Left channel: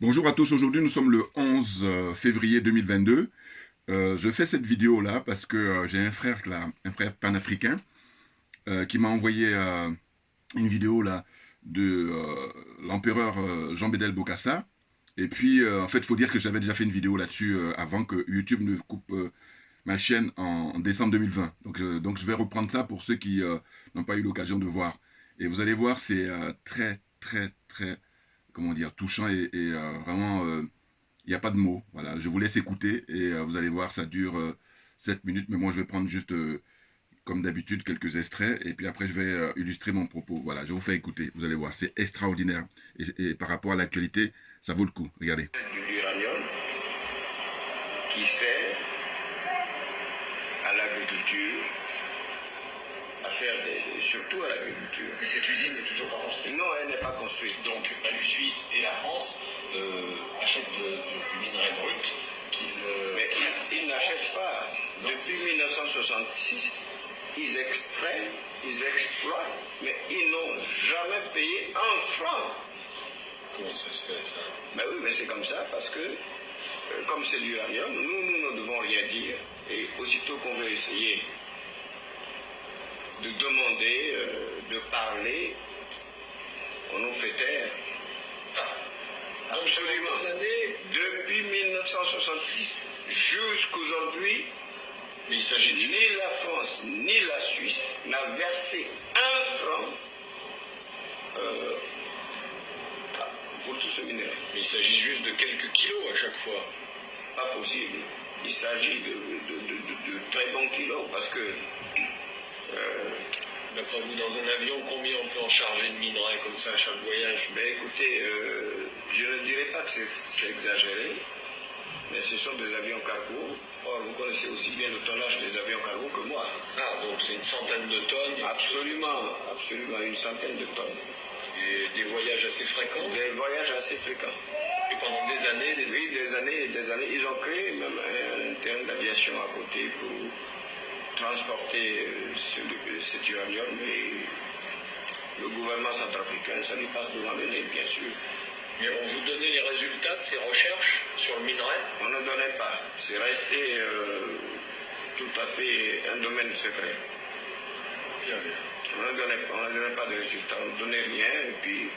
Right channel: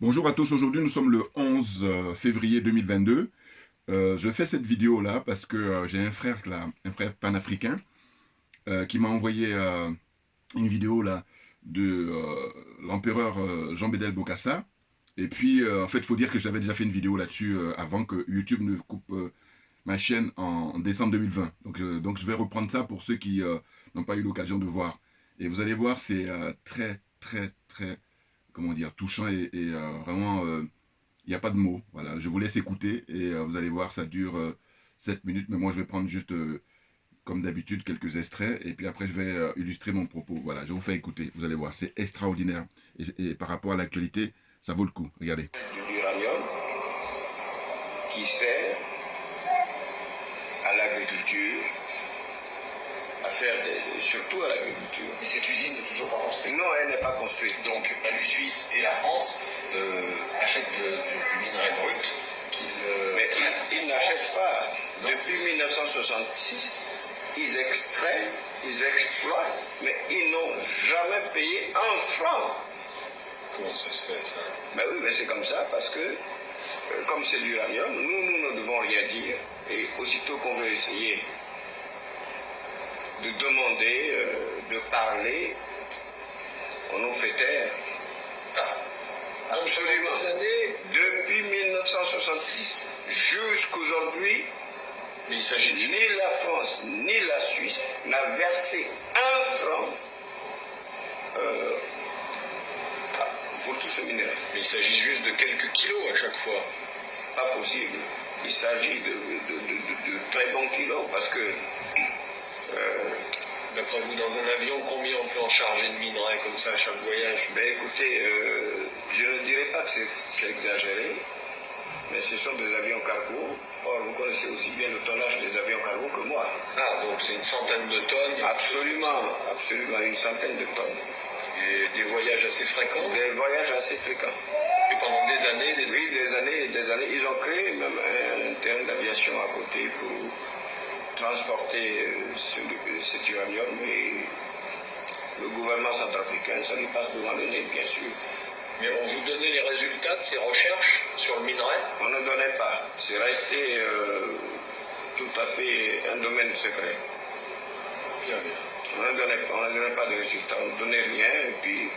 Bonjour à tous, aujourd'hui nous sommes le 11 février 2022. Je fais cette vidéo là parce que j'ai un frère là, un frère panafricain qui m'a envoyé une vidéo là de l'empereur Jean Bédel Bokassa. Et puis en fait il faut dire que j'avais déjà fait une vidéo là-dessus avant que YouTube ne coupe ma chaîne en décembre 2020. Donc je vais reprendre ça pour ceux qui n'ont pas eu l'occasion de voir. Et vous allez voir, c'est très, comment dire, touchant et vraiment, il n'y a pas de mots. Voilà, je vous laisse écouter et vous allez voir, ça dure 7 minutes, mais moi je vais prendre juste, comme d'habitude, quelques extraits et puis après je vais illustrer mon propos. Voilà, je vous fais écouter, vous allez voir, c'est extraordinaire. Et par rapport à l'actualité, ça vaut le coup. Regardez. L'uranium qui sert à l'agriculture, à faire surtout à l'agriculture. Mais cette usine n'est toujours pas construite. Non, elle n'est pas construite. Donc la Suisse et la France achètent du minerai brut mais ils n'achètent pas. Non. Depuis 1966, ils extraient, ils exploitent, mais ils n'ont jamais payé un franc. Comment ça se fait, ça? Ben oui, mais c'est comme ça, parce que, comme c'est l'uranium, nous ne devons rien dire. Et aussitôt qu'on veut essayer de demander, de parler, on nous fait taire. Ah. Absolument. Depuis 1966 jusqu'aujourd'hui, il s'agit ni la France ni la Suisse n'a versé un franc pour tout ce minerai. Mais il s'agit juste de quelques kilos à chaque fois. Pas possible. Il s'agit de très bons kilos parce que d'après vous, dans un avion, combien on peut en charger de minerai comme ça à chaque voyage? Ben écoutez, je ne dirais pas que c'est exagéré, mais ce sont des avions cargo. Or, vous connaissez aussi bien le tonnage des avions cargo que moi. Ah, donc c'est une centaine de tonnes? Absolument, absolument, une centaine de tonnes. Et des voyages assez fréquents? Des voyages assez fréquents. Et pendant des années, oui, des années et des années. Ils ont créé même un terrain d'aviation à côté pour transporter cet uranium et le gouvernement centrafricain, ça lui passe devant les nez, bien sûr. Mais on vous donnait les résultats de ces recherches sur le minerai? On ne donnait pas. C'est resté tout à fait un domaine secret. Bien, bien. On ne donnait pas de résultats. On ne donnait rien et puis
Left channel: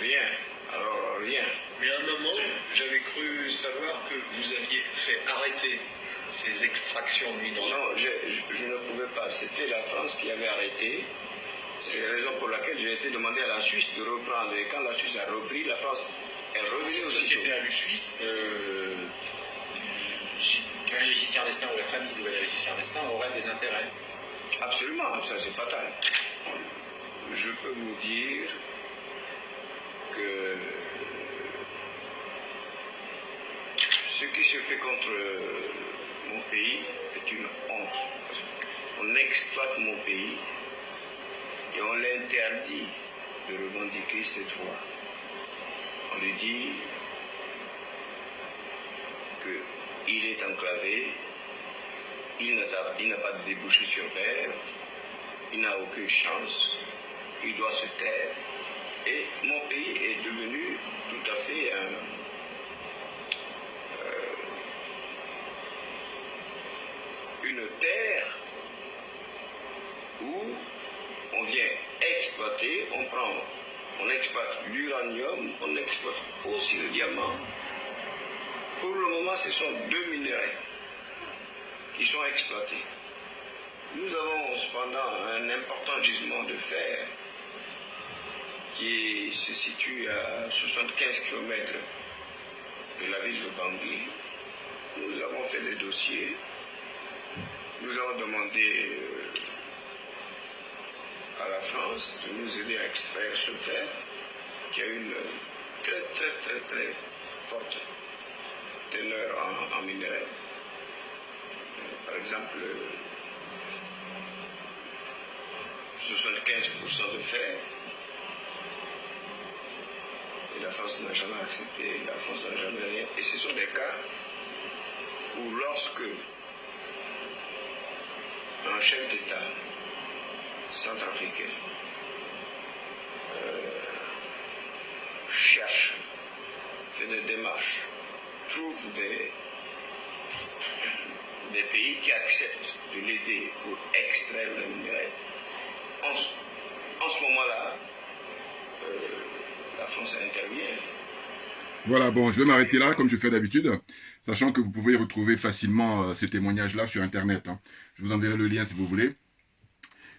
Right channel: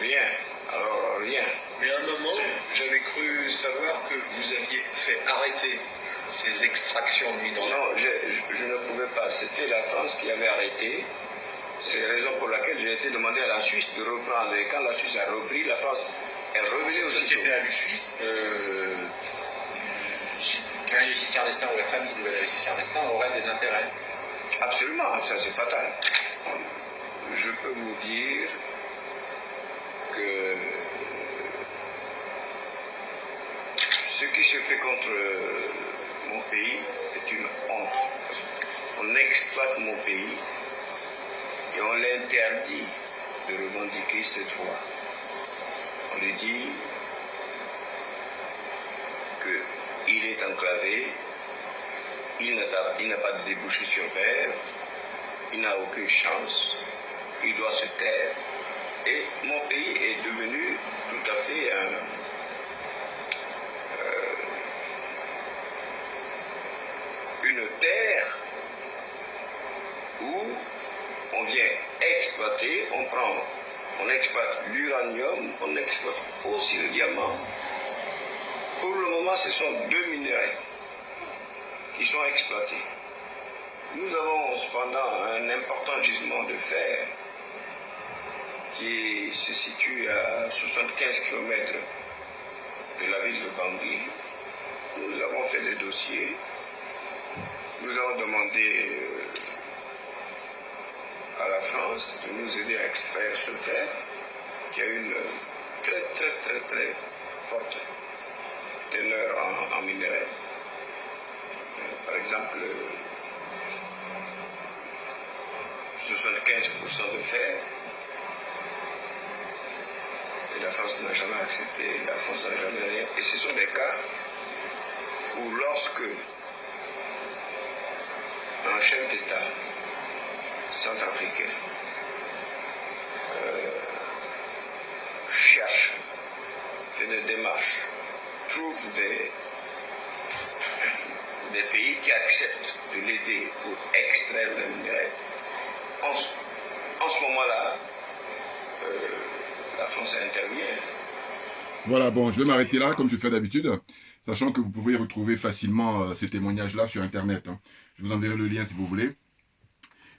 rien. Alors rien. Mais à un moment, j'avais cru savoir que vous aviez fait arrêter ces extractions de minerai. Non, je ne pouvais pas. C'était la France qui avait arrêté. C'est la raison pour laquelle j'ai été demandé à la Suisse de reprendre. Et quand la Suisse a repris, la France, elle revenait aussi. La société à Suisse, Valéry Giscard d'Estaing ou la famille de Valéry Giscard d'Estaing aurait des intérêts. Absolument, ça c'est fatal. Je peux vous dire que ce qui se fait contre mon pays est une honte. On exploite mon pays et on l'interdit de revendiquer ses droits. On lui dit qu'il est enclavé, il n'a pas de débouché sur mer, il n'a aucune chance, il doit se taire. Et mon pays est devenu tout à fait une terre où on vient exploiter, on exploite l'uranium, on exploite aussi le diamant. Pour le moment, ce sont deux minerais qui sont exploités. Nous avons cependant un important gisement de fer qui se situe à 75 km de la ville de Bangui. Nous avons fait des dossiers. Nous avons demandé à la France de nous aider à extraire ce fer qui a une très forte teneur en minerai. Par exemple, 75% de fer. Et la France n'a jamais accepté, la France n'a jamais rien. Et ce sont des cas où lorsque un chef d'État centrafricain cherche fait des démarches, trouve des pays qui acceptent de l'aider pour extraire le minerai, en ce moment-là, la France intervient. Voilà, bon, je vais m'arrêter là, comme je fais d'habitude, sachant que vous pouvez retrouver facilement ces témoignages-là sur Internet. Hein. Je vous enverrai le lien si vous voulez.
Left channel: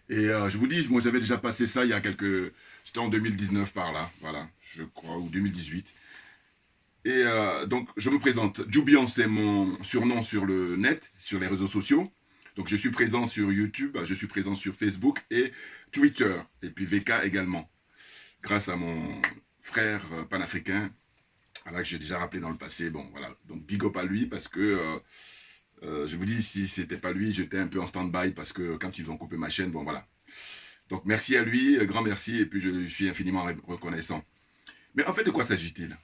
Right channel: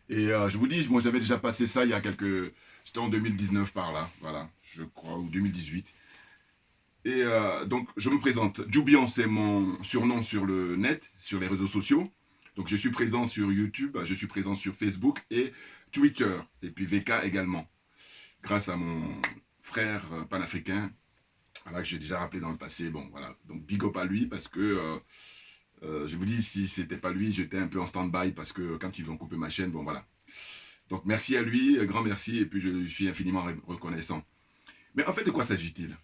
Et je vous dis, moi j'avais déjà passé ça il y a quelques... C'était en 2019 par là, voilà, je crois, ou 2018. Et donc, je me présente. Djoubian, c'est mon surnom sur le net, sur les réseaux sociaux. Donc, je suis présent sur YouTube, je suis présent sur Facebook et Twitter, et puis VK également. Grâce à mon frère panafricain, voilà, que j'ai déjà rappelé dans le passé. Bon, voilà. Donc, big up à lui, parce que, je vous dis, si c'était pas lui, j'étais un peu en stand-by, parce que quand ils ont coupé ma chaîne, bon, voilà. Donc, merci à lui, grand merci, et puis je lui suis infiniment reconnaissant. Mais en fait, de quoi s'agit-il?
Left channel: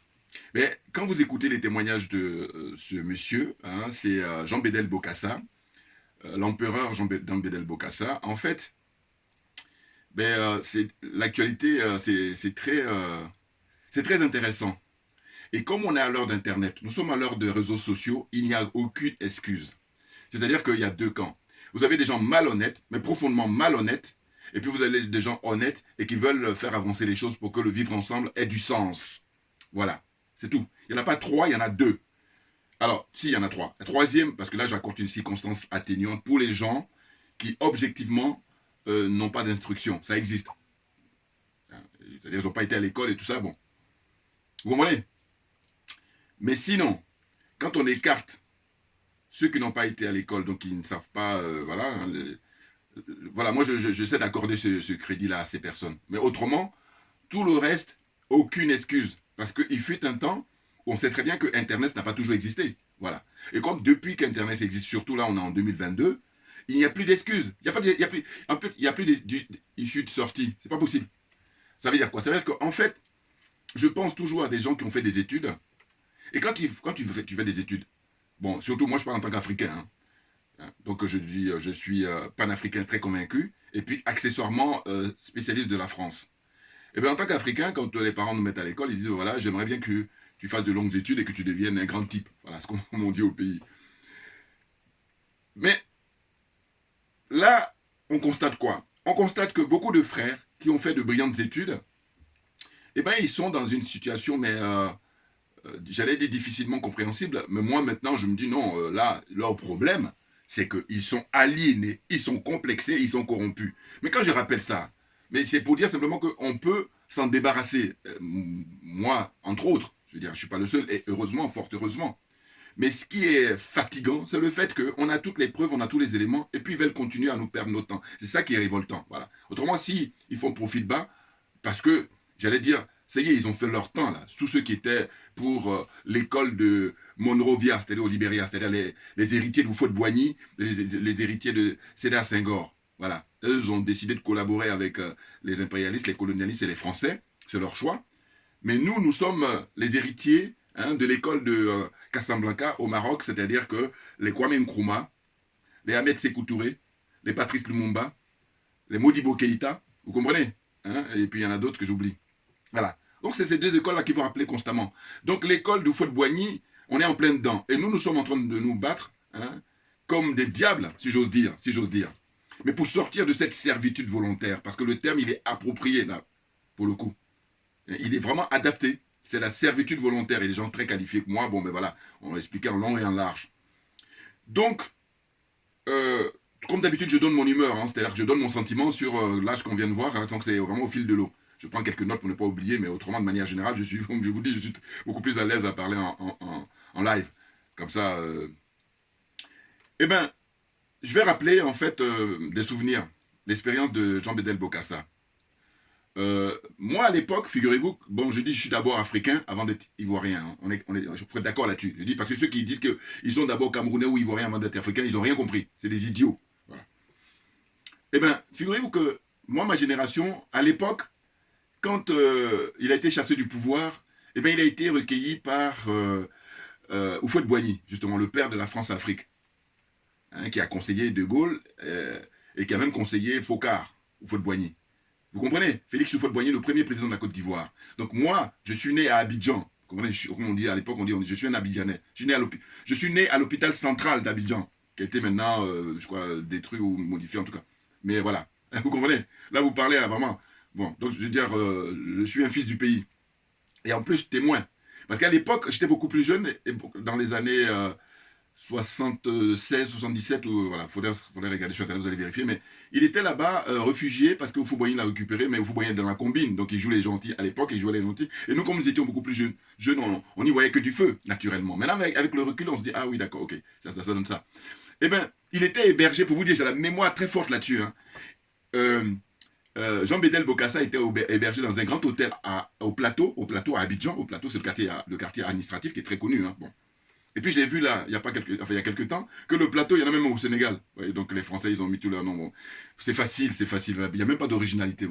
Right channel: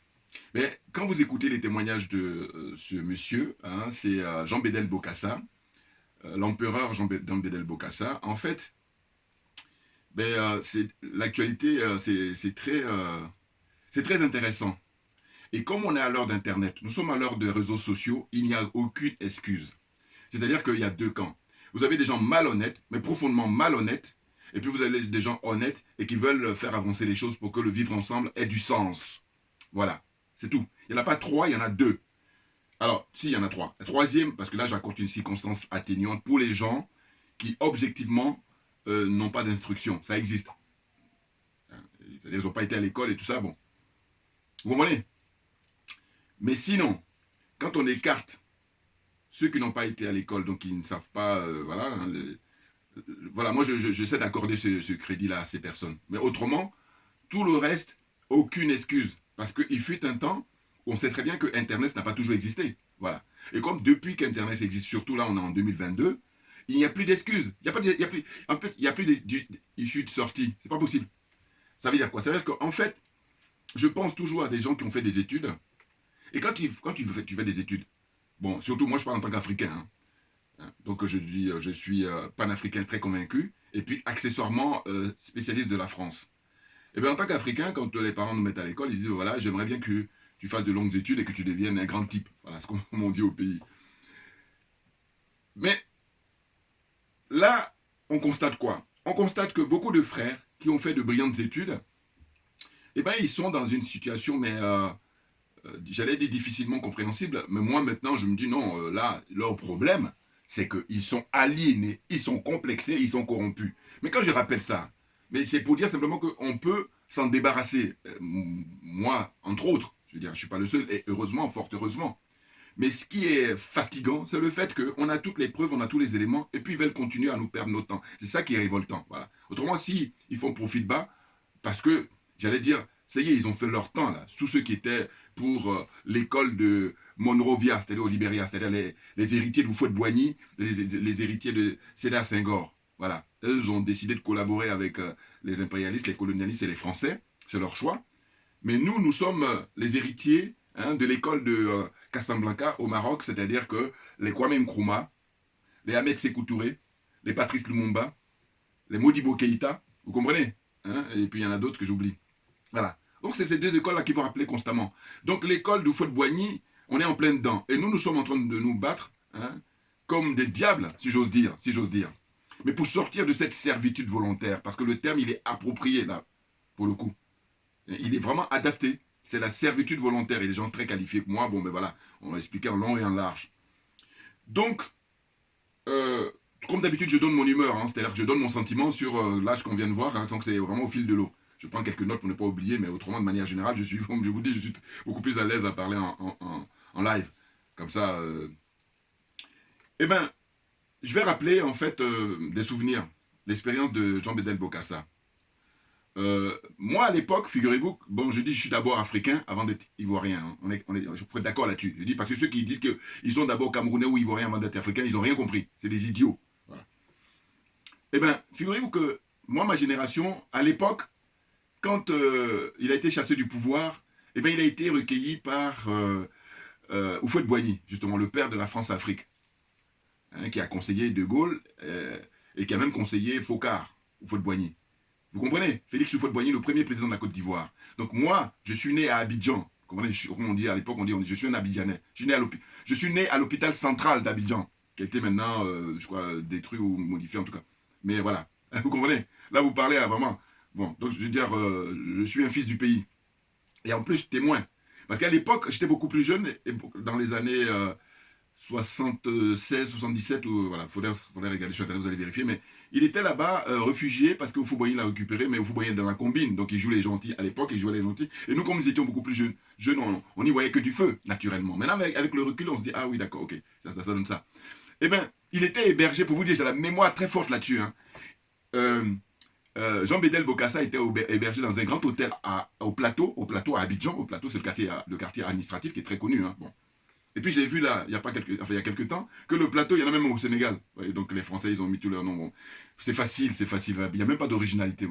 Mais quand vous écoutez les témoignages de ce monsieur, hein, c'est Jean Bédel Bokassa, l'empereur Jean Bédel Bokassa, en fait, l'actualité, c'est très intéressant. Et comme on est à l'heure d'Internet, nous sommes à l'heure de réseaux sociaux, il n'y a aucune excuse. C'est-à-dire qu'il y a deux camps. Vous avez des gens malhonnêtes, mais profondément malhonnêtes, et puis vous avez des gens honnêtes et qui veulent faire avancer les choses pour que le vivre ensemble ait du sens. Voilà, c'est tout. Il n'y en a pas trois, il y en a deux. Alors, si, il y en a trois. La troisième, parce que là, j'accorde une circonstance atténuante pour les gens qui, objectivement, n'ont pas d'instruction. Ça existe. C'est-à-dire, ils n'ont pas été à l'école et tout ça, bon. Vous comprenez? Mais sinon, quand on écarte ceux qui n'ont pas été à l'école, donc qui ne savent pas, voilà, hein, voilà, moi, j'essaie d'accorder ce crédit-là à ces personnes. Mais autrement, tout le reste, aucune excuse. Parce qu'il fut un temps où on sait très bien que Internet n'a pas toujours existé. Voilà. Et comme depuis qu'Internet existe, surtout là, on est en 2022, il n'y a plus d'excuses. Il n'y a plus d'issue de sortie. C'est pas possible. Ça veut dire quoi? Ça veut dire qu'en fait, je pense toujours à des gens qui ont fait des études. Et quand tu fais des études, bon, surtout moi, je parle en tant qu'Africain. Hein. Donc, je suis panafricain très convaincu. Et puis, accessoirement, spécialiste de la France. Et bien, en tant qu'Africain, quand les parents nous mettent à l'école, ils disent, voilà, j'aimerais bien que tu fasses de longues études et que tu deviennes un grand type. Voilà ce qu'on dit au pays. Mais là, on constate quoi? On constate que beaucoup de frères qui ont fait de brillantes études, eh bien, ils sont dans une situation, mais j'allais dire difficilement compréhensible. Mais moi, maintenant, je me dis, non, là, leur problème, c'est qu'ils sont aliénés, ils sont complexés, ils sont corrompus. Mais quand je rappelle ça, mais c'est pour dire simplement qu'on peut s'en débarrasser. Moi, entre autres, je veux dire, je ne suis pas le seul, et heureusement, fort heureusement. Mais ce qui est fatigant, c'est le fait qu'on a toutes les preuves, on a tous les éléments, et puis ils veulent continuer à nous perdre notre temps. C'est ça qui est révoltant. Voilà. Autrement, si ils font profil bas, parce que, j'allais dire, ça y est, ils ont fait leur temps, là. Tous ceux qui étaient pour l'école de Monrovia, c'est-à-dire au Libéria, c'est-à-dire les héritiers de Houphouët-Boigny, les héritiers de Sédar Senghor. Voilà. Eux ont décidé de collaborer avec les impérialistes, les colonialistes et les Français. C'est leur choix. Mais nous sommes les héritiers de l'école de Casablanca au Maroc, c'est-à-dire que les Kwame Nkrumah, les Ahmed Sékou Touré, les Patrice Lumumba, les Modibo Keïta, vous comprenez? Et puis il y en a d'autres que j'oublie. Voilà. Donc c'est ces deux écoles-là qui vont rappeler constamment. Donc l'école de Houphouët-Boigny, on est en plein dedans. Et nous sommes en train de nous battre comme des diables, si j'ose dire. Mais pour sortir de cette servitude volontaire, parce que le terme, il est approprié, là, pour le coup. Il est vraiment adapté. C'est la servitude volontaire. Et des gens très qualifiés que moi, bon, ben voilà, on va expliquer en long et en large. Donc, comme d'habitude, je donne mon humeur, c'est-à-dire que je donne mon sentiment sur l'âge qu'on vient de voir, tant que c'est vraiment au fil de l'eau. Je prends quelques notes pour ne pas oublier, mais autrement, de manière générale, comme je vous dis, je suis beaucoup plus à l'aise à parler en live. Comme ça. Eh bien, je vais rappeler, en fait, des souvenirs, l'expérience de Jean Bédel Bokassa. Moi, à l'époque, figurez-vous, bon, je dis je suis d'abord africain avant d'être ivoirien. Je serais d'accord là-dessus. Je dis parce que ceux qui disent qu'ils sont d'abord camerounais ou ivoiriens avant d'être africains, ils n'ont rien compris. C'est des idiots. Voilà. Eh bien, figurez-vous que moi, ma génération, à l'époque, quand il a été chassé du pouvoir, eh bien, il a été recueilli par Houphouët-Boigny, justement, le père de la France-Afrique, qui a conseillé De Gaulle et qui a même conseillé Focard, Houphouët-Boigny. Vous comprenez? Félix Houphouët-Boigny, le premier président de la Côte d'Ivoire. Donc moi, je suis né à Abidjan. Comme on dit à l'époque, je suis un Abidjanais. Je suis né à l'hôpital central d'Abidjan, qui a été maintenant, je crois, détruit ou modifié en tout cas. Mais voilà, vous comprenez? Là, vous parlez vraiment. Bon, donc je veux dire, je suis un fils du pays. Et en plus, témoin. Parce qu'à l'époque, j'étais beaucoup plus jeune, et dans les années 76, 77, voilà, faudrait regarder sur Internet, vous allez vérifier, mais il était là-bas, réfugié, parce que Houphouët-Boigny l'a récupéré, mais Houphouët-Boigny est dans la combine, donc il joue les gentils à l'époque, il jouait les gentils, et nous, comme nous étions beaucoup plus jeunes on n'y voyait que du feu, naturellement. Maintenant, avec le recul, on se dit, ah oui, d'accord, ok, ça donne ça. Eh bien, il était hébergé, pour vous dire, j'ai la mémoire très forte là-dessus, hein. Jean Bédel Bokassa était hébergé dans un grand hôtel au plateau à Abidjan. Au plateau, c'est le quartier administratif qui est très connu. Hein. Bon. Et puis j'ai vu là, il y a quelques temps, que le plateau, il y en a même au Sénégal. Voyez, donc les Français, ils ont mis tout leur nom. Bon. C'est facile. Il n'y a même pas d'originalité.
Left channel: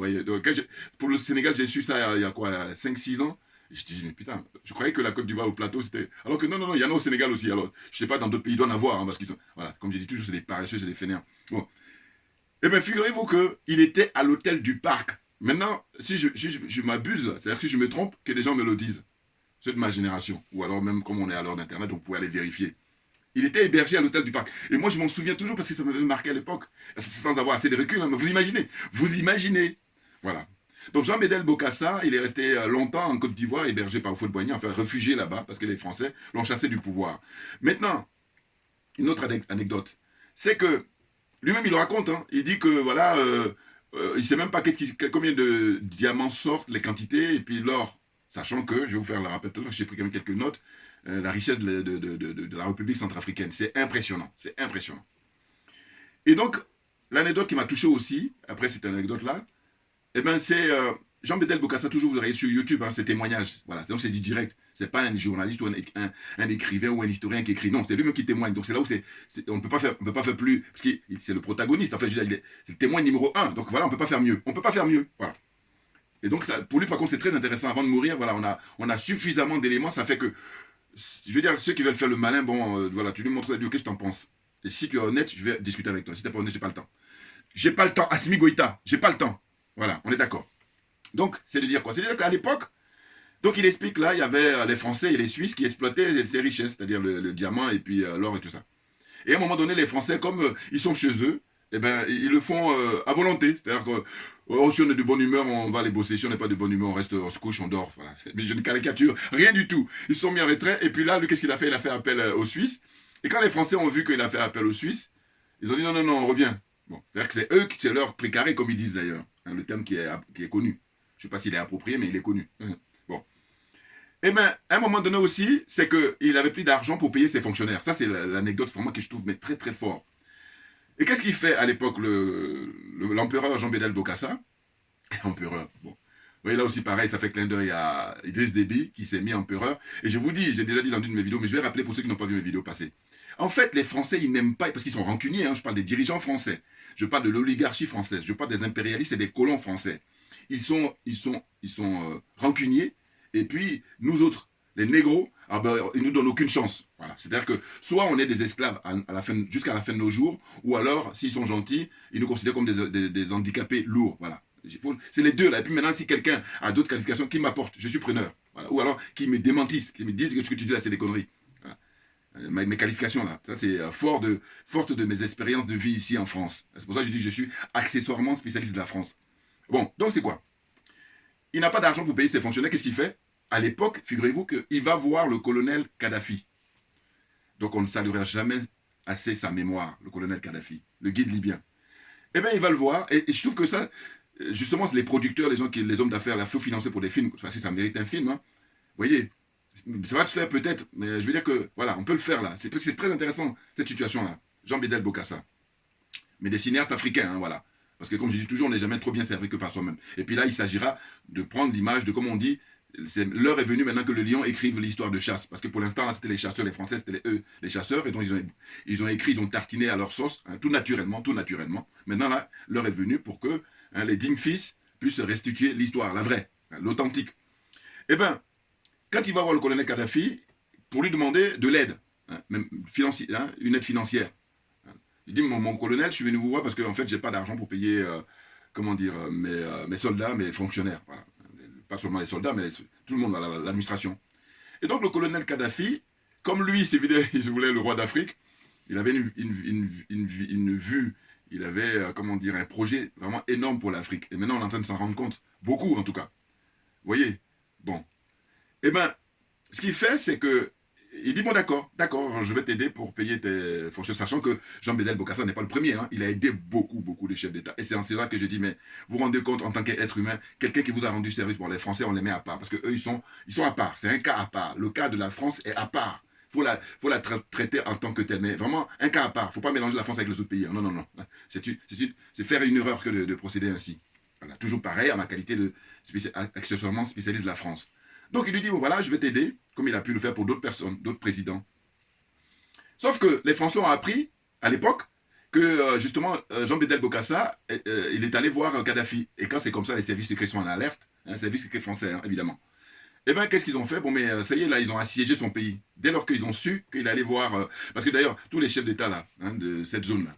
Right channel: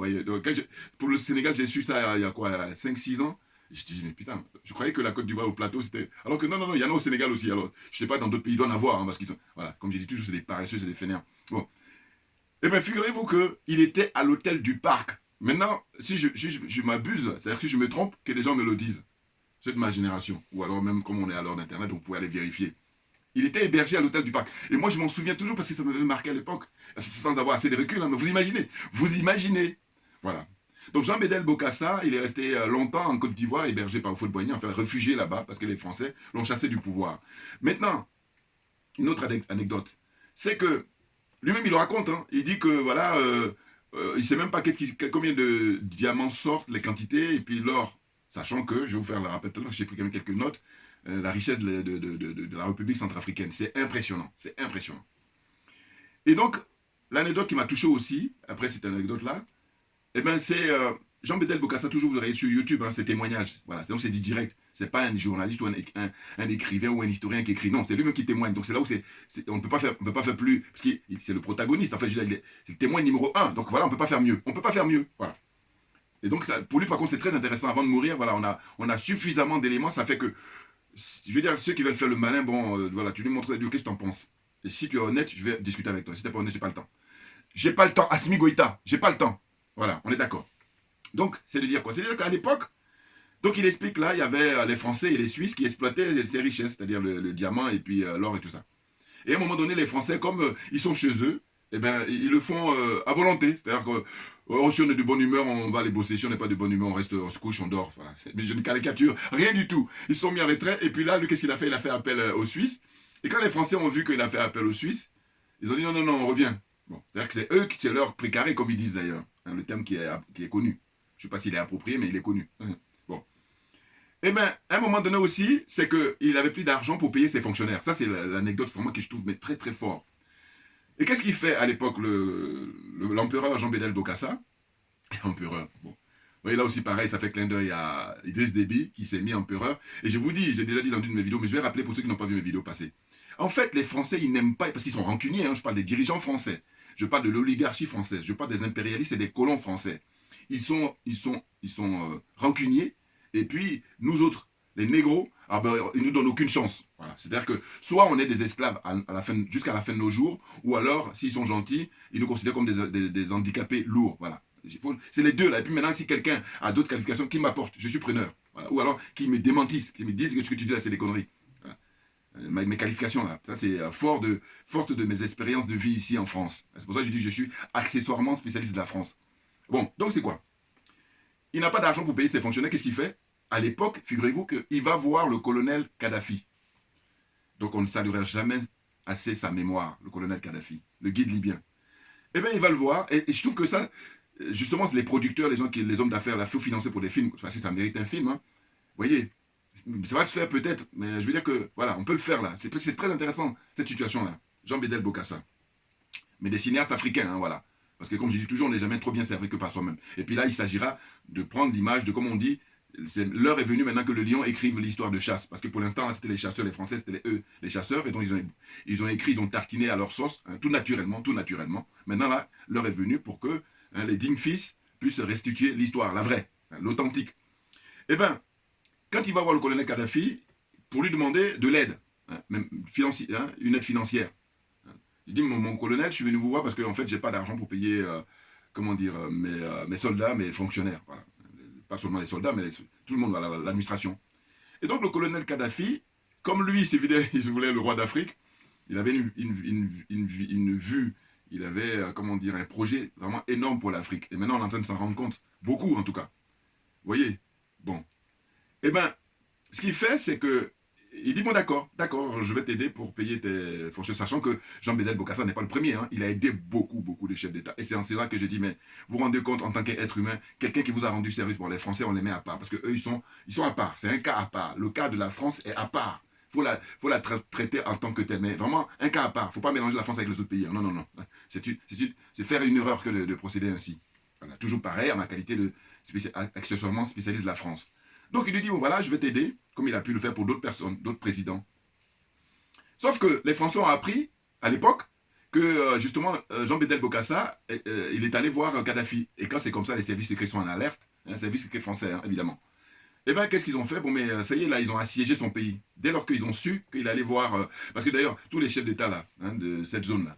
Pour le Sénégal, j'ai su ça il y a quoi, 5-6 ans. Et je dis, mais putain, je croyais que la Côte d'Ivoire au plateau, c'était... Alors que non, il y en a au Sénégal aussi. Alors, je sais pas, dans d'autres pays, il doit en avoir, hein, parce qu'ils sont... Voilà, comme j'ai dit toujours, c'est des paresseux, c'est des fainéants. Bon. Eh bien, figurez-vous qu'il était à l'hôtel du Parc. Maintenant, si je m'abuse, c'est-à-dire que si je me trompe, que les gens me le disent. C'est de ma génération. Ou alors même comme on est à l'heure d'Internet, vous pouvez aller vérifier. Il était hébergé à l'hôtel du Parc. Et moi, je m'en souviens toujours parce que ça m'avait marqué à l'époque. Sans avoir assez de recul, hein, mais vous imaginez. Voilà. Donc Jean Bédel Bokassa, il est resté longtemps en Côte d'Ivoire, hébergé par Houphouët-Boigny, enfin réfugié là-bas, parce que les Français l'ont chassé du pouvoir. Maintenant, une autre anecdote, c'est que lui-même, il le raconte. Hein. Il dit que, voilà, il ne sait même pas combien de diamants sortent, les quantités, et puis l'or. Sachant que, je vais vous faire le rappel tout à l'heure, j'ai pris quand même quelques notes, la richesse de la République centrafricaine. C'est impressionnant. C'est impressionnant. Et donc, l'anecdote qui m'a touché aussi, après cette anecdote-là, eh ben, c'est Jean Bédel Bokassa, toujours vous aurez sur YouTube, hein, ses témoignages. Voilà, donc c'est dit direct. C'est pas un journaliste ou un écrivain ou un historien qui écrit. Non, c'est lui-même qui témoigne. Donc c'est là où on ne peut pas faire plus. Parce que c'est le protagoniste. En fait, c'est le témoin numéro 1. Donc voilà, on ne peut pas faire mieux. On ne peut pas faire mieux. Voilà. Et donc, ça, pour lui, par contre, c'est très intéressant. Avant de mourir, voilà, on a suffisamment d'éléments. Ça fait que, je veux dire, ceux qui veulent faire le malin, bon, voilà, tu lui montres, qu'est-ce que tu en penses? Et si tu es honnête, je vais discuter avec toi. Si tu n'es pas honnête, j'ai pas le temps. J'ai pas le temps. Assimi Goïta, j'ai pas le temps. Voilà, on est d'accord. Donc, c'est de dire quoi? C'est-à-dire qu'à l'époque, donc il explique là, il y avait les Français et les Suisses qui exploitaient ces richesses, c'est-à-dire le diamant et puis l'or et tout ça. Et à un moment donné, les Français, comme ils sont chez eux, eh ben, ils le font à volonté. C'est-à-dire que si on est de bonne humeur, on va aller bosser. Si on n'est pas de bonne humeur, on se couche, on dort. Voilà. Mais je ne caricature rien du tout. Ils se sont mis en retrait. Et puis là, lui, qu'est-ce qu'il a fait? Il a fait appel aux Suisses. Et quand les Français ont vu qu'il a fait appel aux Suisses, ils ont dit non, on revient. Bon, c'est-à-dire que c'est eux qui sont leur précaré, comme ils disent d'ailleurs. Hein, le terme qui est connu. Je ne sais pas s'il est approprié, mais il est connu. Bon. Eh bien, à un moment donné aussi, c'est qu'il n'avait plus d'argent pour payer ses fonctionnaires. Ça, c'est l'anecdote vraiment que je trouve mais très, très fort. Et qu'est-ce qu'il fait à l'époque, l'empereur Jean Bédel Bokassa? Empereur, bon. Vous voyez, là aussi, pareil, ça fait clin d'œil à Idriss Déby, qui s'est mis empereur. Et je vous dis, j'ai déjà dit dans une de mes vidéos, mais je vais rappeler pour ceux qui n'ont pas vu mes vidéos passées. En fait, les Français, ils n'aiment pas, parce qu'ils sont rancuniers, hein, je parle des dirigeants français. Je parle de l'oligarchie française. Je parle des impérialistes et des colons français. Ils sont rancuniers. Et puis, nous autres, les négros, ah ben, ils ne nous donnent aucune chance. Voilà. C'est-à-dire que soit on est des esclaves jusqu'à la fin de nos jours, ou alors, s'ils sont gentils, ils nous considèrent comme des handicapés lourds. Voilà. C'est les deux là. Et puis maintenant, si quelqu'un a d'autres qualifications, qui m'apporte, je suis preneur. Voilà. Ou alors, qui me démentissent, qui me disent que ce que tu dis là, c'est des conneries. Voilà. Mes qualifications là, ça c'est forte de mes expériences de vie ici en France. C'est pour ça que je dis que je suis accessoirement spécialiste de la France. Bon, donc c'est quoi? Il n'a pas d'argent pour payer ses fonctionnaires, qu'est-ce qu'il fait? À l'époque, figurez-vous qu'il va voir le colonel Kadhafi. Donc on ne saluera jamais assez sa mémoire, le colonel Kadhafi, le guide libyen. Eh bien, il va le voir, et je trouve que ça, justement, c'est les producteurs, les hommes d'affaires, il faut financer pour des films, parce que ça mérite un film. Hein. Vous voyez, ça va se faire peut-être, mais je veux dire que, voilà, on peut le faire là. C'est très intéressant, cette situation-là. Jean Bédel Bokassa. Mais des cinéastes africains, hein, voilà. Parce que comme je dis toujours, on n'est jamais trop bien servi que par soi-même. Et puis là, il s'agira de prendre l'image de, comme on dit, l'heure est venue maintenant que le lion écrive l'histoire de chasse. Parce que pour l'instant, c'était les chasseurs, les Français, c'était eux, les chasseurs. Et donc, ils ont écrit, ils ont tartiné à leur sauce, hein, tout naturellement. Maintenant, là, l'heure est venue pour que les dignes fils puissent restituer l'histoire, la vraie, hein, l'authentique. Eh bien, quand il va voir le colonel Kadhafi, pour lui demander de l'aide, hein, même une aide financière. Il dit, mon colonel, je suis venu vous voir parce que en fait, je n'ai pas d'argent pour payer, mes soldats, mes fonctionnaires. Voilà. Pas seulement les soldats, mais tout le monde, l'administration. Et donc le colonel Kadhafi, comme lui, il voulait le roi d'Afrique, il avait une vue, il avait, comment dire, un projet vraiment énorme pour l'Afrique. Et maintenant, on est en train de s'en rendre compte. Beaucoup, en tout cas. Vous voyez? Bon. Eh bien, ce qu'il fait, c'est que il dit, bon d'accord, je vais t'aider pour payer tes fourchettes, sachant que Jean Bédel Bokassa n'est pas le premier, hein, il a aidé beaucoup de chefs d'État. Et c'est en cela que je dis, mais vous vous rendez compte, en tant qu'être humain, quelqu'un qui vous a rendu service, pour les Français, on les met à part, parce qu'eux, ils sont à part, c'est un cas à part. Le cas de la France est à part. Faut la traiter en tant que tel, mais vraiment un cas à part. Il ne faut pas mélanger la France avec les autres pays. Non. C'est faire une erreur que de procéder ainsi. Voilà, toujours pareil, en la qualité de accessoirement spécialiste de la France. Donc il lui dit, bon, voilà, je vais t'aider, comme il a pu le faire pour d'autres personnes, d'autres présidents. Sauf que les Français ont appris, à l'époque, que justement, Jean Bédel Bokassa, il est allé voir Kadhafi. Et quand c'est comme ça, les services secrets sont en alerte, hein, services secrets français, hein, évidemment. Eh bien, qu'est-ce qu'ils ont fait? Bon, mais ça y est, là, ils ont assiégé son pays. Dès lors qu'ils ont su qu'il allait voir... parce que d'ailleurs, tous les chefs d'État, là, hein, de cette zone-là,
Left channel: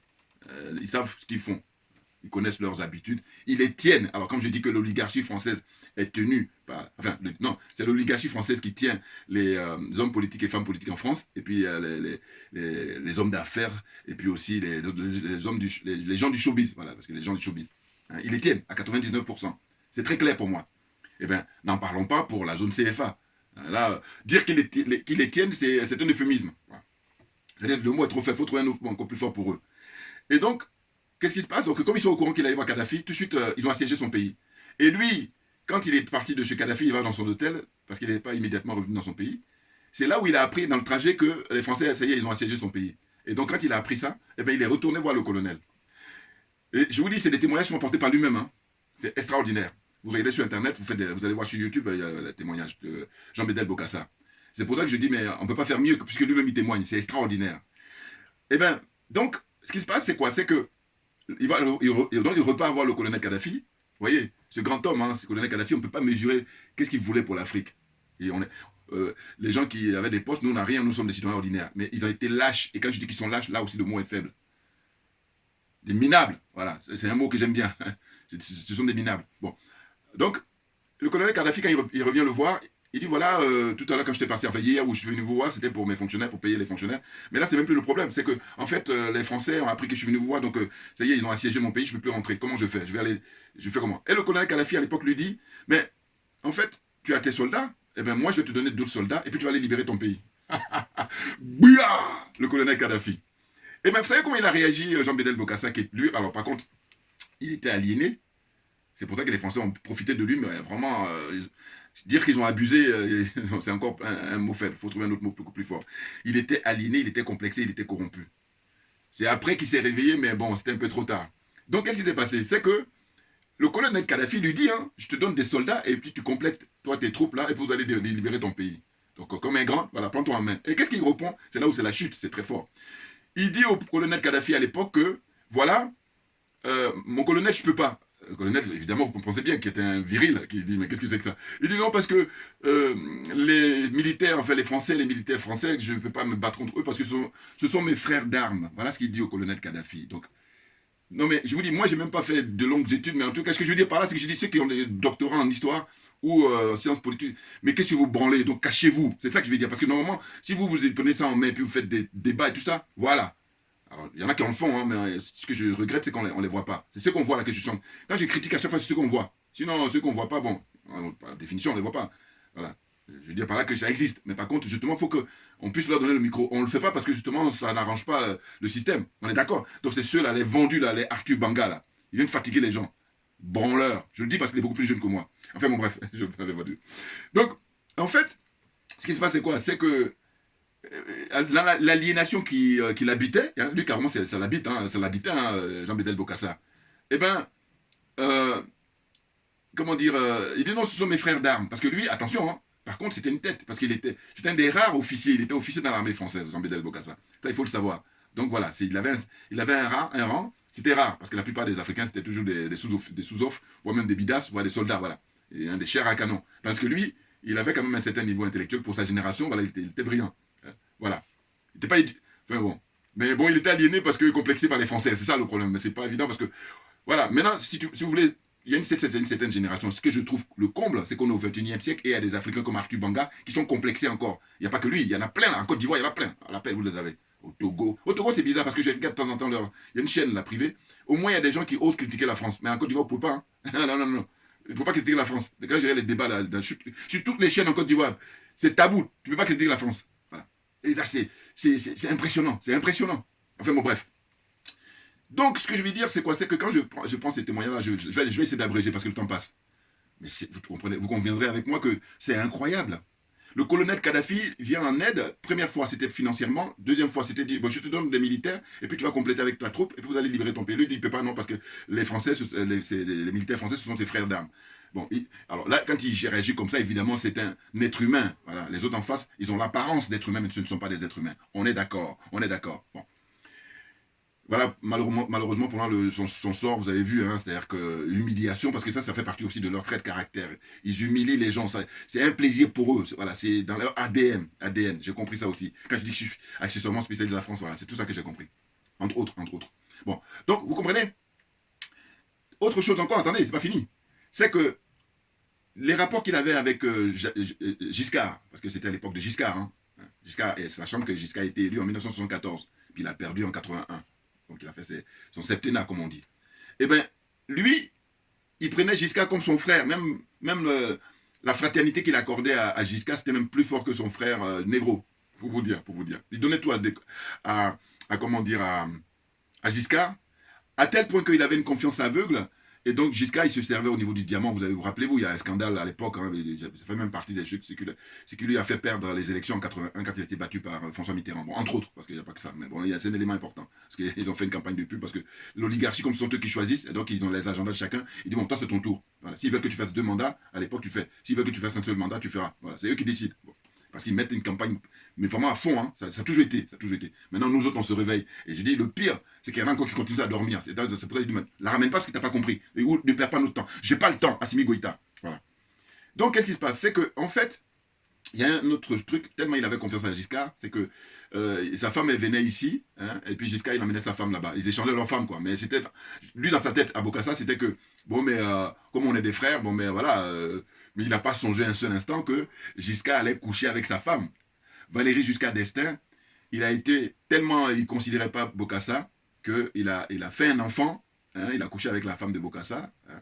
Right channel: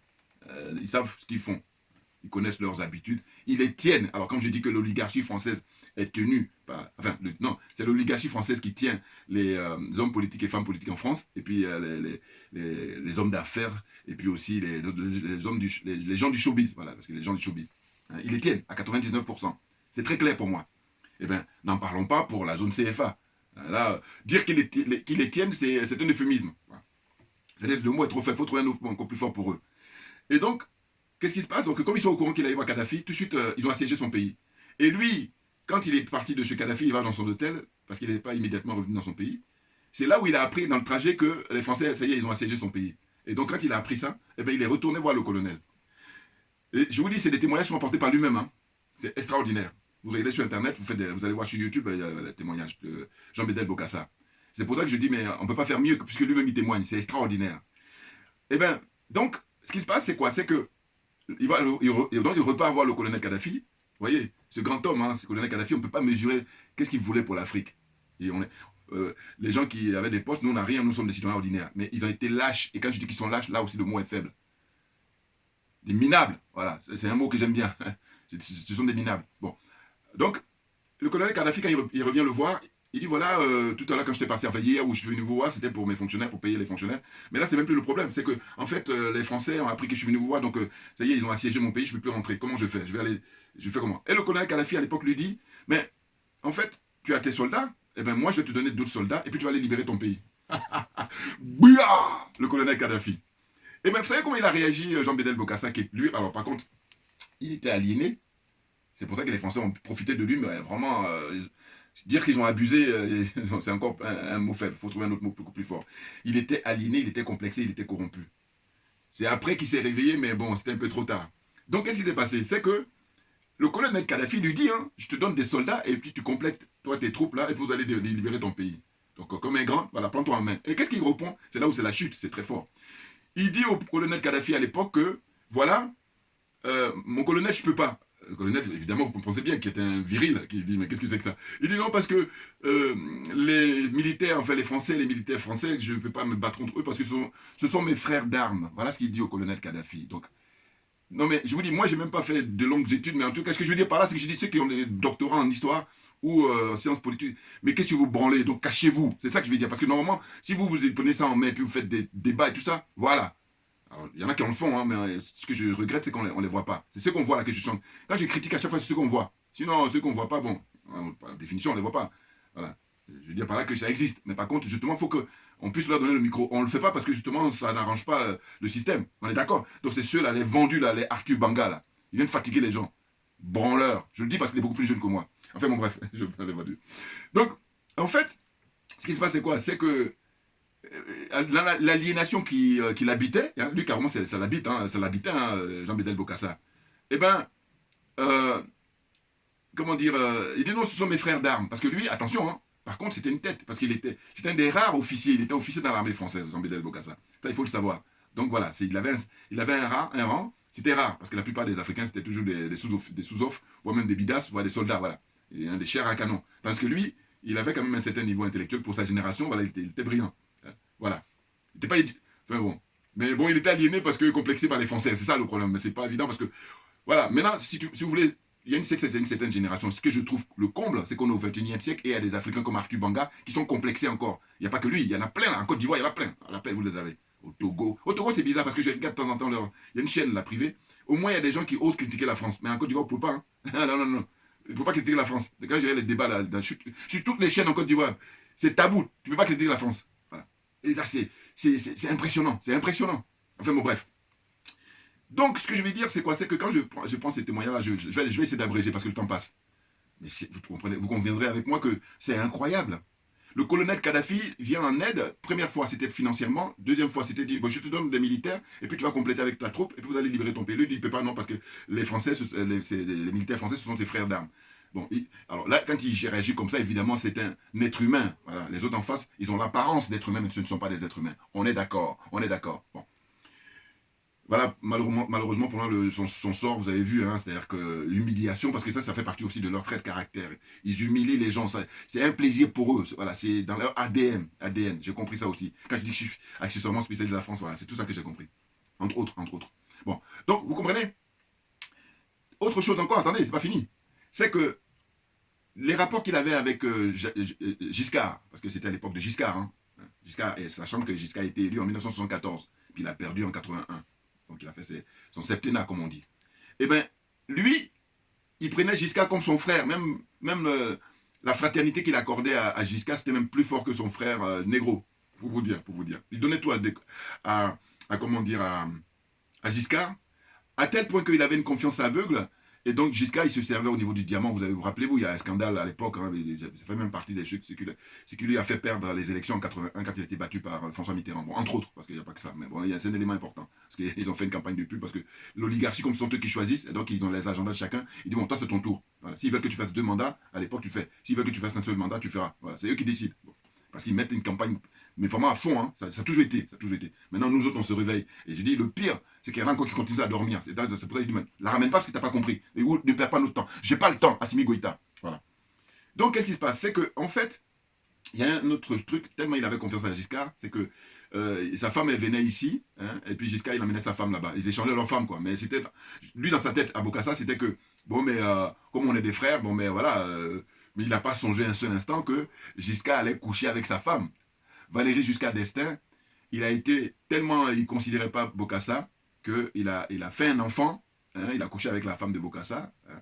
ils savent ce qu'ils font. Ils connaissent leurs habitudes. Ils les tiennent. Alors, comme je dis que l'oligarchie française est tenue par... Enfin, non, c'est l'oligarchie française qui tient les hommes politiques et femmes politiques en France, et puis les hommes d'affaires, et puis aussi les gens du showbiz. Voilà, parce que les gens du showbiz. Hein, ils les tiennent à 99%. C'est très clair pour moi. Eh bien, n'en parlons pas pour la zone CFA. Là, dire qu'ils les tiennent, c'est un euphémisme. Voilà. C'est-à-dire que le mot est trop faible, il faut trouver un autre mot encore plus fort pour eux. Et donc, qu'est-ce qui se passe? Donc, comme ils sont au courant qu'il allait voir Kadhafi, tout de suite, ils ont assiégé son pays. Et lui, quand il est parti de chez Kadhafi, il va dans son hôtel, parce qu'il n'est pas immédiatement revenu dans son pays. C'est là où il a appris dans le trajet que les Français, ça y est, ils ont assiégé son pays. Et donc, quand il a appris ça, eh bien, il est retourné voir le colonel. Et je vous dis, c'est des témoignages qui sont apportés par lui-même. Hein. C'est extraordinaire. Vous regardez sur Internet, vous allez voir sur YouTube, il y a le témoignage de Jean Bédel Bokassa. C'est pour ça que je dis, mais on ne peut pas faire mieux, puisque lui-même il témoigne. C'est extraordinaire. Eh bien, donc, ce qui se passe, c'est quoi? C'est que donc il repart voir le colonel Kadhafi. Vous voyez, ce grand homme, hein, ce colonel Kadhafi, on ne peut pas mesurer qu'est-ce qu'il voulait pour l'Afrique. Et les gens qui avaient des postes, nous, on n'a rien, nous sommes des citoyens ordinaires. Mais ils ont été lâches. Et quand je dis qu'ils sont lâches, là aussi, le mot est faible. Des minables, voilà. C'est un mot que j'aime bien. Ce sont des minables. Bon. Donc, le colonel Kadhafi, quand il revient le voir, il dit, voilà, tout à l'heure, quand je t'ai passé, enfin hier où je suis venu vous voir, c'était pour mes fonctionnaires, pour payer les fonctionnaires. Mais là, c'est même plus le problème. C'est que, en fait, les Français ont appris que je suis venu vous voir, donc ça y est, ils ont assiégé mon pays, je ne peux plus rentrer. Comment je fais? Je fais comment? Et le colonel Kadhafi, à l'époque, lui dit, mais, en fait, tu as tes soldats, et bien moi, je vais te donner d'autres soldats, et puis tu vas aller libérer ton pays. Bouya! Le colonel Kadhafi. Et bien, vous savez comment il a réagi, Jean Bédel Bokassa, qui est lui, alors par contre, il était aliéné. C'est pour ça que les Français ont profité de lui, mais vraiment, dire qu'ils ont abusé, c'est encore un mot faible. Il faut trouver un autre mot beaucoup plus fort. Il était aliéné, il était complexé, il était corrompu. C'est après qu'il s'est réveillé, mais bon, c'était un peu trop tard. Donc, qu'est-ce qui s'est passé? C'est que le colonel Kadhafi lui dit, hein, je te donne des soldats, et puis tu complètes, toi, tes troupes là, et puis vous allez libérer ton pays. Donc, comme un grand, voilà, prends-toi en main. Et qu'est-ce qu'il répond? C'est là où c'est la chute, c'est très fort. Il dit au colonel Kadhafi à l'époque que, voilà, mon colonel, je ne peux pas. Le colonel, évidemment, vous comprenez bien, qui était un viril, qui dit, mais qu'est-ce que c'est que ça? Il dit non, parce que les militaires, enfin les Français, les militaires français, je ne peux pas me battre contre eux parce que ce sont mes frères d'armes. Voilà ce qu'il dit au colonel Kadhafi. Donc, non, mais je vous dis, moi, je n'ai même pas fait de longues études, mais en tout cas, ce que je veux dire par là, c'est que je dis ceux qui ont des doctorats en histoire ou en sciences politiques, mais qu'est-ce que vous branlez? Donc, cachez-vous. C'est ça que je veux dire. Parce que normalement, si vous prenez ça en main, puis vous faites des débats et tout ça, voilà. Alors, il y en a qui en le font, hein, mais ce que je regrette, c'est qu'on ne les voit pas. C'est ce qu'on voit là que je chante. Quand je critique à chaque fois, c'est ce qu'on voit. Sinon, ceux qu'on ne voit pas, bon, par définition, on ne les voit pas. Voilà. Je veux dire par là que ça existe. Mais par contre, justement, il faut qu'on puisse leur donner le micro. On ne le fait pas parce que justement, ça n'arrange pas le système. On est d'accord? Donc, c'est ceux-là, les vendus, là, les Arthur Banga, là. Ils viennent fatiguer les gens. Branleurs. Je le dis parce qu'il est beaucoup plus jeune que moi. Enfin, bon, bref. Donc, en fait, ce qui se passe, c'est quoi? C'est que l'aliénation qui l'habitait, hein, lui carrément ça l'habite, hein, Jean Bédel Bokassa, eh bien, comment dire, il dit non, ce sont mes frères d'armes, parce que lui, attention, hein, par contre c'était une tête, parce c'était un des rares officiers, il était officier dans l'armée française, Jean Bédel Bokassa, ça il faut le savoir. Donc voilà, il avait un rang, c'était rare, parce que la plupart des Africains c'était toujours des sous-offres, voire même des bidas, voire des soldats, voilà, et des chairs à canon, parce que lui, il avait quand même un certain niveau intellectuel pour sa génération, voilà, il était brillant. Voilà. Il n'était pas... Enfin bon. Mais bon, il était aliéné parce que complexé par les Français. C'est ça le problème. Mais c'est pas évident parce que... Voilà. Maintenant, si vous voulez il y a une certaine génération. Ce que je trouve le comble, c'est qu'on est au XXIe siècle et il y a des Africains comme Arthur Banga qui sont complexés encore. Il n'y a pas que lui, il y en a plein. En Côte d'Ivoire, il y en a plein. À l'appel, vous les avez. Au Togo. Au Togo, c'est bizarre parce que je regarde de temps en temps il y a une chaîne, la privée. Au moins, il y a des gens qui osent critiquer la France. Mais en Côte d'Ivoire, vous ne pouvez pas. Hein. Non, non, non. Il ne faut pas critiquer la France. Quand je regarde les débats sur toutes les chaînes en Côte d'Ivoire, c'est tabou. Tu ne peux pas critiquer la France. Voilà. Et là, c'est impressionnant. C'est impressionnant. Enfin, bon, bref. Donc, ce que je veux dire, c'est quoi? C'est que quand je prends ces témoignages-là, je vais essayer d'abréger parce que le temps passe. Mais vous conviendrez avec moi que c'est incroyable. Le colonel Kadhafi vient en aide. Première fois, c'était financièrement. Deuxième fois, c'était dit, bon, je te donne des militaires, et puis tu vas compléter avec ta troupe, et puis vous allez libérer ton pays. Lui, il ne peut pas, non, parce que les Français, les militaires français, ce sont ses frères d'armes. Bon, alors là, quand il réagit comme ça, évidemment, c'est un être humain. Voilà. Les autres en face, ils ont l'apparence d'être humains, mais ce ne sont pas des êtres humains. On est d'accord, on est d'accord. Bon. Voilà, malheureusement pour moi, son sort, vous avez vu, hein, c'est-à-dire que l'humiliation, parce que ça fait partie aussi de leur trait de caractère. Ils humilient les gens, c'est un plaisir pour eux, voilà, c'est dans leur ADN, j'ai compris ça aussi. Quand je dis que je suis accessoirement spécialisé en France, voilà, c'est tout ça que j'ai compris, entre autres. Bon, donc, vous comprenez? Autre chose encore, attendez, c'est pas fini, c'est que les rapports qu'il avait avec Giscard, parce que c'était à l'époque de Giscard, hein, Giscard, sachant que Giscard a été élu en 1974, puis il a perdu en 81. Donc il a fait son septennat, comme on dit. Eh bien, lui, il prenait Giscard comme son frère. Même la fraternité qu'il accordait à Giscard, c'était même plus fort que son frère Négro, pour vous dire. Il donnait tout à Giscard, à tel point qu'il avait une confiance aveugle. Et donc Giscard, il se servait au niveau du diamant. Vous rappelez-vous, il y a un scandale à l'époque, hein, ça fait même partie des trucs, c'est qu'il lui a fait perdre les élections en 81 quand il a été battu par François Mitterrand. Bon, entre autres, parce qu'il n'y a pas que ça, mais bon, c'est un élément important. Parce qu'ils ont fait une campagne de pub, parce que l'oligarchie, comme ce sont eux qui choisissent, et donc ils ont les agendas de chacun, ils disent, bon, toi c'est ton tour. Voilà. S'ils veulent que tu fasses 2 mandats, à l'époque tu fais. S'ils veulent que tu fasses un seul mandat, tu feras. Voilà. C'est eux qui décident. Bon. Parce qu'ils mettent une campagne, mais vraiment à fond, hein. Ça a toujours été. Maintenant, nous autres, on se réveille. Et je dis, le pire, c'est qu'il y en a encore qui continuent à dormir. C'est pour ça que je dis, la ramène pas parce que tu n'as pas compris. Et ou ne perds pas notre temps. J'ai pas le temps, Assimi Goïta. Voilà. Donc, qu'est-ce qui se passe? C'est qu'en fait, il y a un autre truc, tellement il avait confiance à Giscard, c'est que sa femme, elle venait ici, hein, et puis Giscard, il emmenait sa femme là-bas. Ils échangeaient leurs femmes, quoi. Mais c'était, lui, dans sa tête, à Bokassa, c'était que, bon, mais comme on est des frères, bon, mais voilà, mais il n'a pas songé un seul instant que Giscard allait coucher avec sa femme. Valéry Giscard d'Estaing, il a été tellement, il ne considérait pas Bokassa, qu'il a fait un enfant, hein, il a couché avec la femme de Bokassa, hein,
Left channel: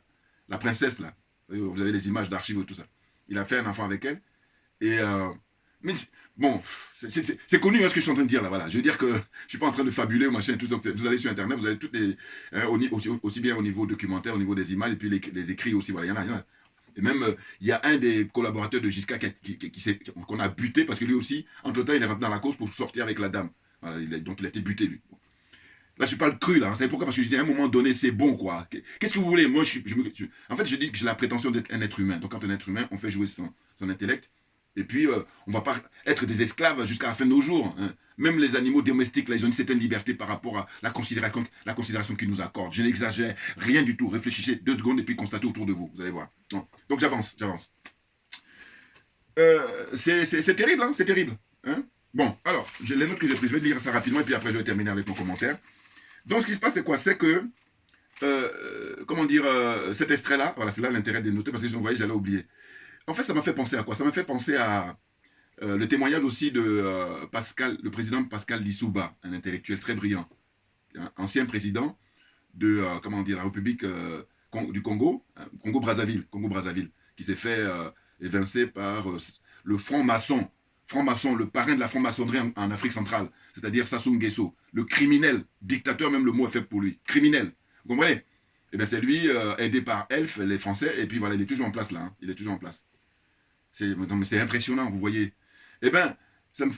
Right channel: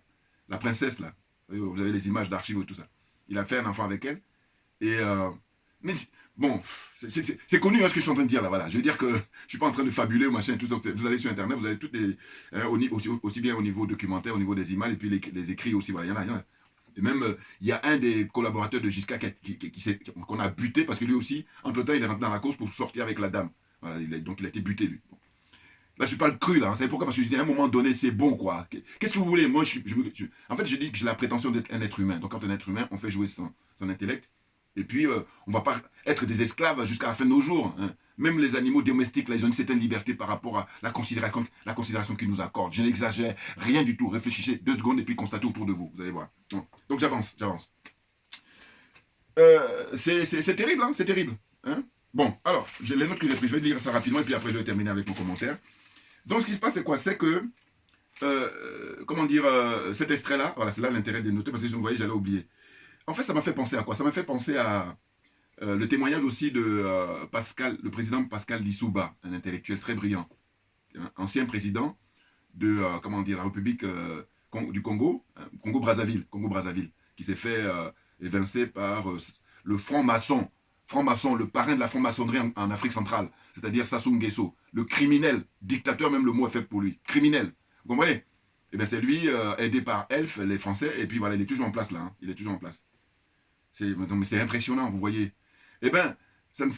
la princesse, là. Vous avez les images d'archives et tout ça. Il a fait un enfant avec elle. Et, mais bon, c'est connu hein, ce que je suis en train de dire là, voilà. Je veux dire que je ne suis pas en train de fabuler ou machin, tout ça. Vous allez sur Internet, vous avez toutes les, hein, aussi bien au niveau documentaire, au niveau des images, et puis les écrits aussi, voilà, il y en a. Et même, il y a un des collaborateurs de Giscard qu'on a buté, parce que lui aussi, entre-temps, il est rentré dans la course pour sortir avec la dame. Voilà, donc il a été buté, lui. Là, je parle cru, là. Hein. C'est pourquoi? Parce que je dis à un moment donné, c'est bon, quoi. Qu'est-ce que vous voulez? Moi, en fait, je dis que j'ai la prétention d'être un être humain. Donc, quand on est un être humain, on fait jouer son intellect. Et puis, on ne va pas être des esclaves jusqu'à la fin de nos jours. Hein. Même les animaux domestiques, là, ils ont une certaine liberté par rapport à la considération qu'ils nous accordent. Je n'exagère rien du tout. Réfléchissez 2 secondes et puis constatez autour de vous. Vous allez voir. Donc, j'avance. C'est terrible, hein, c'est terrible. Hein. Bon, alors, j'ai les notes que j'ai prises. Je vais lire ça rapidement et puis après, je vais terminer avec mon commentaire. Donc, ce qui se passe, c'est quoi? C'est que, cet extrait-là, voilà, c'est là l'intérêt de noter, parce que si vous voyez, j'allais oublier. En fait, ça m'a fait penser à quoi? Ça m'a fait penser à le témoignage aussi de le président Pascal Lissouba, un intellectuel très brillant, ancien président de la République du Congo, Congo-Brazzaville, qui s'est fait évincer par le franc-maçon, le parrain de la franc-maçonnerie en Afrique centrale, c'est-à-dire Sassou Nguesso, le criminel, dictateur, même le mot est fait pour lui, criminel. Vous comprenez? Eh bien, c'est lui, aidé par Elf, les Français, et puis voilà, il est toujours en place là, hein, il est toujours en place. C'est impressionnant, vous voyez. Eh bien,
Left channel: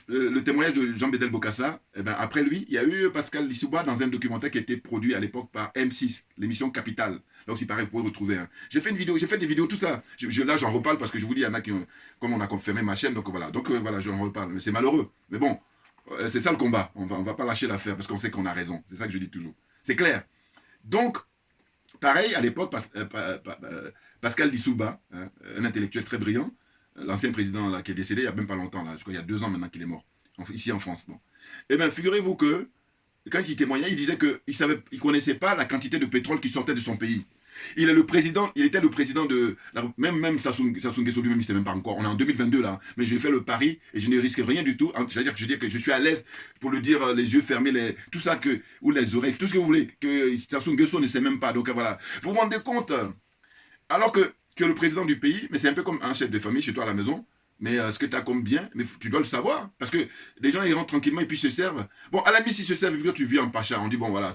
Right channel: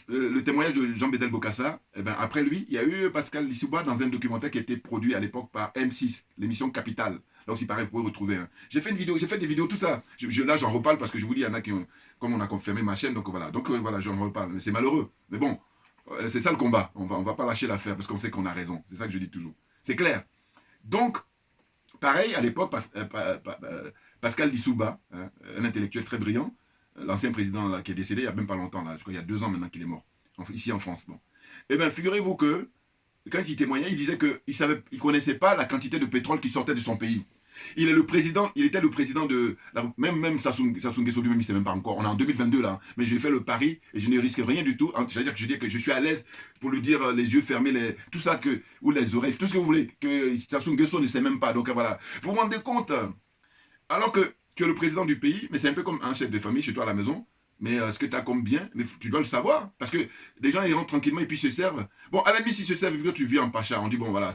le témoignage de Jean-Bédel Bokassa, eh ben, après lui, il y a eu Pascal Lissouba dans un documentaire qui a été produit à l'époque par M6, l'émission Capital. Là aussi, pareil, vous pouvez retrouver. Hein. J'ai fait des vidéos, tout ça. Là, j'en reparle parce que je vous dis, il y en a qui ont, comme on a confirmé ma chaîne, donc voilà. Donc voilà, j'en reparle. Mais c'est malheureux. Mais bon, c'est ça le combat. On va pas lâcher l'affaire parce qu'on sait qu'on a raison. C'est ça que je dis toujours. C'est clair. Donc, pareil, à l'époque, Pascal Lissouba, hein, un intellectuel très brillant, l'ancien président là, qui est décédé il n'y a même pas longtemps, là, je crois qu'il y a 2 ans maintenant qu'il est mort, ici en France. Bon. Eh bien, figurez-vous que, quand il témoignait, il disait qu'il ne connaissait pas la quantité de pétrole qui sortait de son pays. Il est le président, il était le président de... Même Sassou Nguesso lui-même, il ne sait même pas encore. On est en 2022 là, mais j'ai fait le pari et je ne risque rien du tout. C'est-à-dire que je dis que je suis à l'aise pour le dire, les yeux fermés, tout ça, ou les oreilles, tout ce que vous voulez, que Sassou Nguesso ne sait même pas. Donc voilà, vous vous rendez compte, alors que tu es le président du pays, mais c'est un peu comme un chef de famille chez toi à la maison. Mais ce que tu as comme bien, mais tu dois le savoir. Parce que les gens, ils rentrent tranquillement et puis se servent. Bon, à la limite, s'ils se servent, tu vis en pacha. On dit, bon, voilà,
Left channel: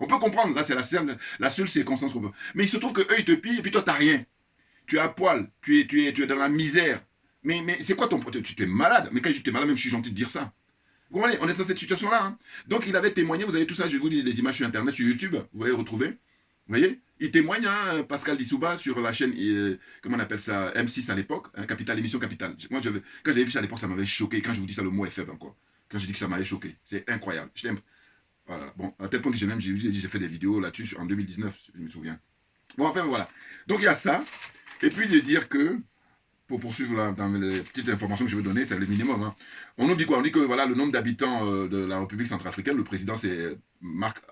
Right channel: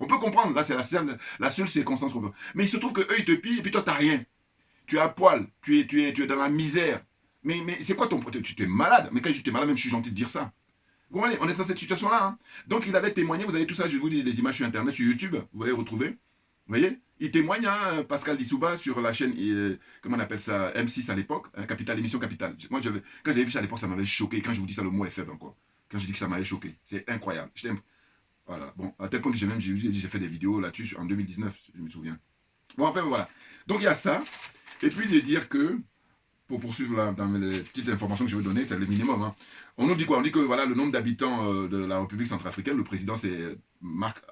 on peut comprendre. Là, c'est la seule circonstance qu'on peut. Mais il se trouve qu'eux, ils te pillent et puis toi, tu n'as rien. Tu es à poil. Tu es dans la misère. Mais c'est quoi ton... Tu es malade. Mais quand tu es malade, même je suis gentil de dire ça. Vous comprenez, on est dans cette situation-là. Hein. Donc, il avait témoigné. Vous avez tout ça, je vous dis les images sur Internet, sur YouTube. Vous allez retrouver. Vous voyez, il témoigne, hein, Pascal Lissouba, sur la chaîne, comment on appelle ça, M6 à l'époque, hein, Capital, émission Capital. Moi, quand j'avais vu ça à l'époque, ça m'avait choqué. Quand je vous dis ça, le mot est faible encore. Quand je dis que ça m'avait choqué, c'est incroyable. Voilà. Bon, à tel point que j'ai fait des vidéos là-dessus en 2019, je me souviens. Bon, enfin, voilà. Donc, il y a ça. Et puis, de dire que, pour poursuivre là, dans les petites informations que je vais donner, c'est le minimum. Hein. On nous dit quoi? On dit que voilà, le nombre d'habitants de la République centrafricaine, le président c'est Marc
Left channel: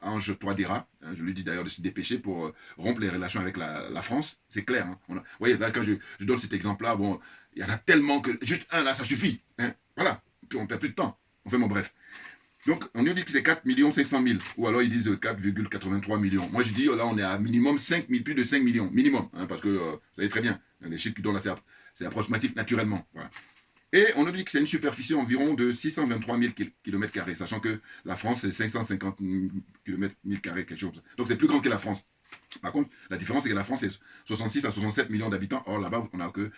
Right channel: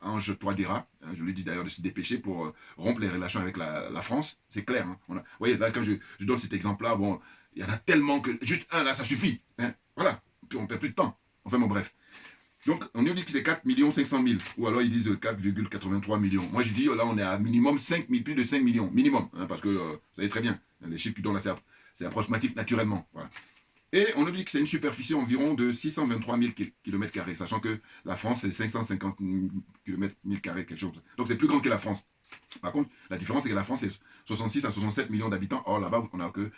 Ange Touadéra. Hein, je lui dis d'ailleurs de se dépêcher pour rompre les relations avec la France. C'est clair. Hein. Vous voyez, là, quand je donne cet exemple-là, bon, il y en a tellement que... Juste un, là, ça suffit. Hein. Voilà. Puis on ne perd plus de temps. Enfin, bon, bref. Donc, on nous dit que c'est 4 500 000. Ou alors, ils disent 4,83 millions. Moi, je dis, là, on est à minimum 5 000, plus de 5 millions. Minimum. Hein, parce que, vous savez très bien, les chiffres qui donnent là, c'est approximatif naturellement. Voilà. Et on nous dit que c'est une superficie environ de 623 000 km², sachant que la France, c'est 550 km², quelque chose. Donc, c'est plus grand que la France. Par contre, la différence, c'est que la France, c'est 66 à 67 millions d'habitants. Or, là-bas, on n'a que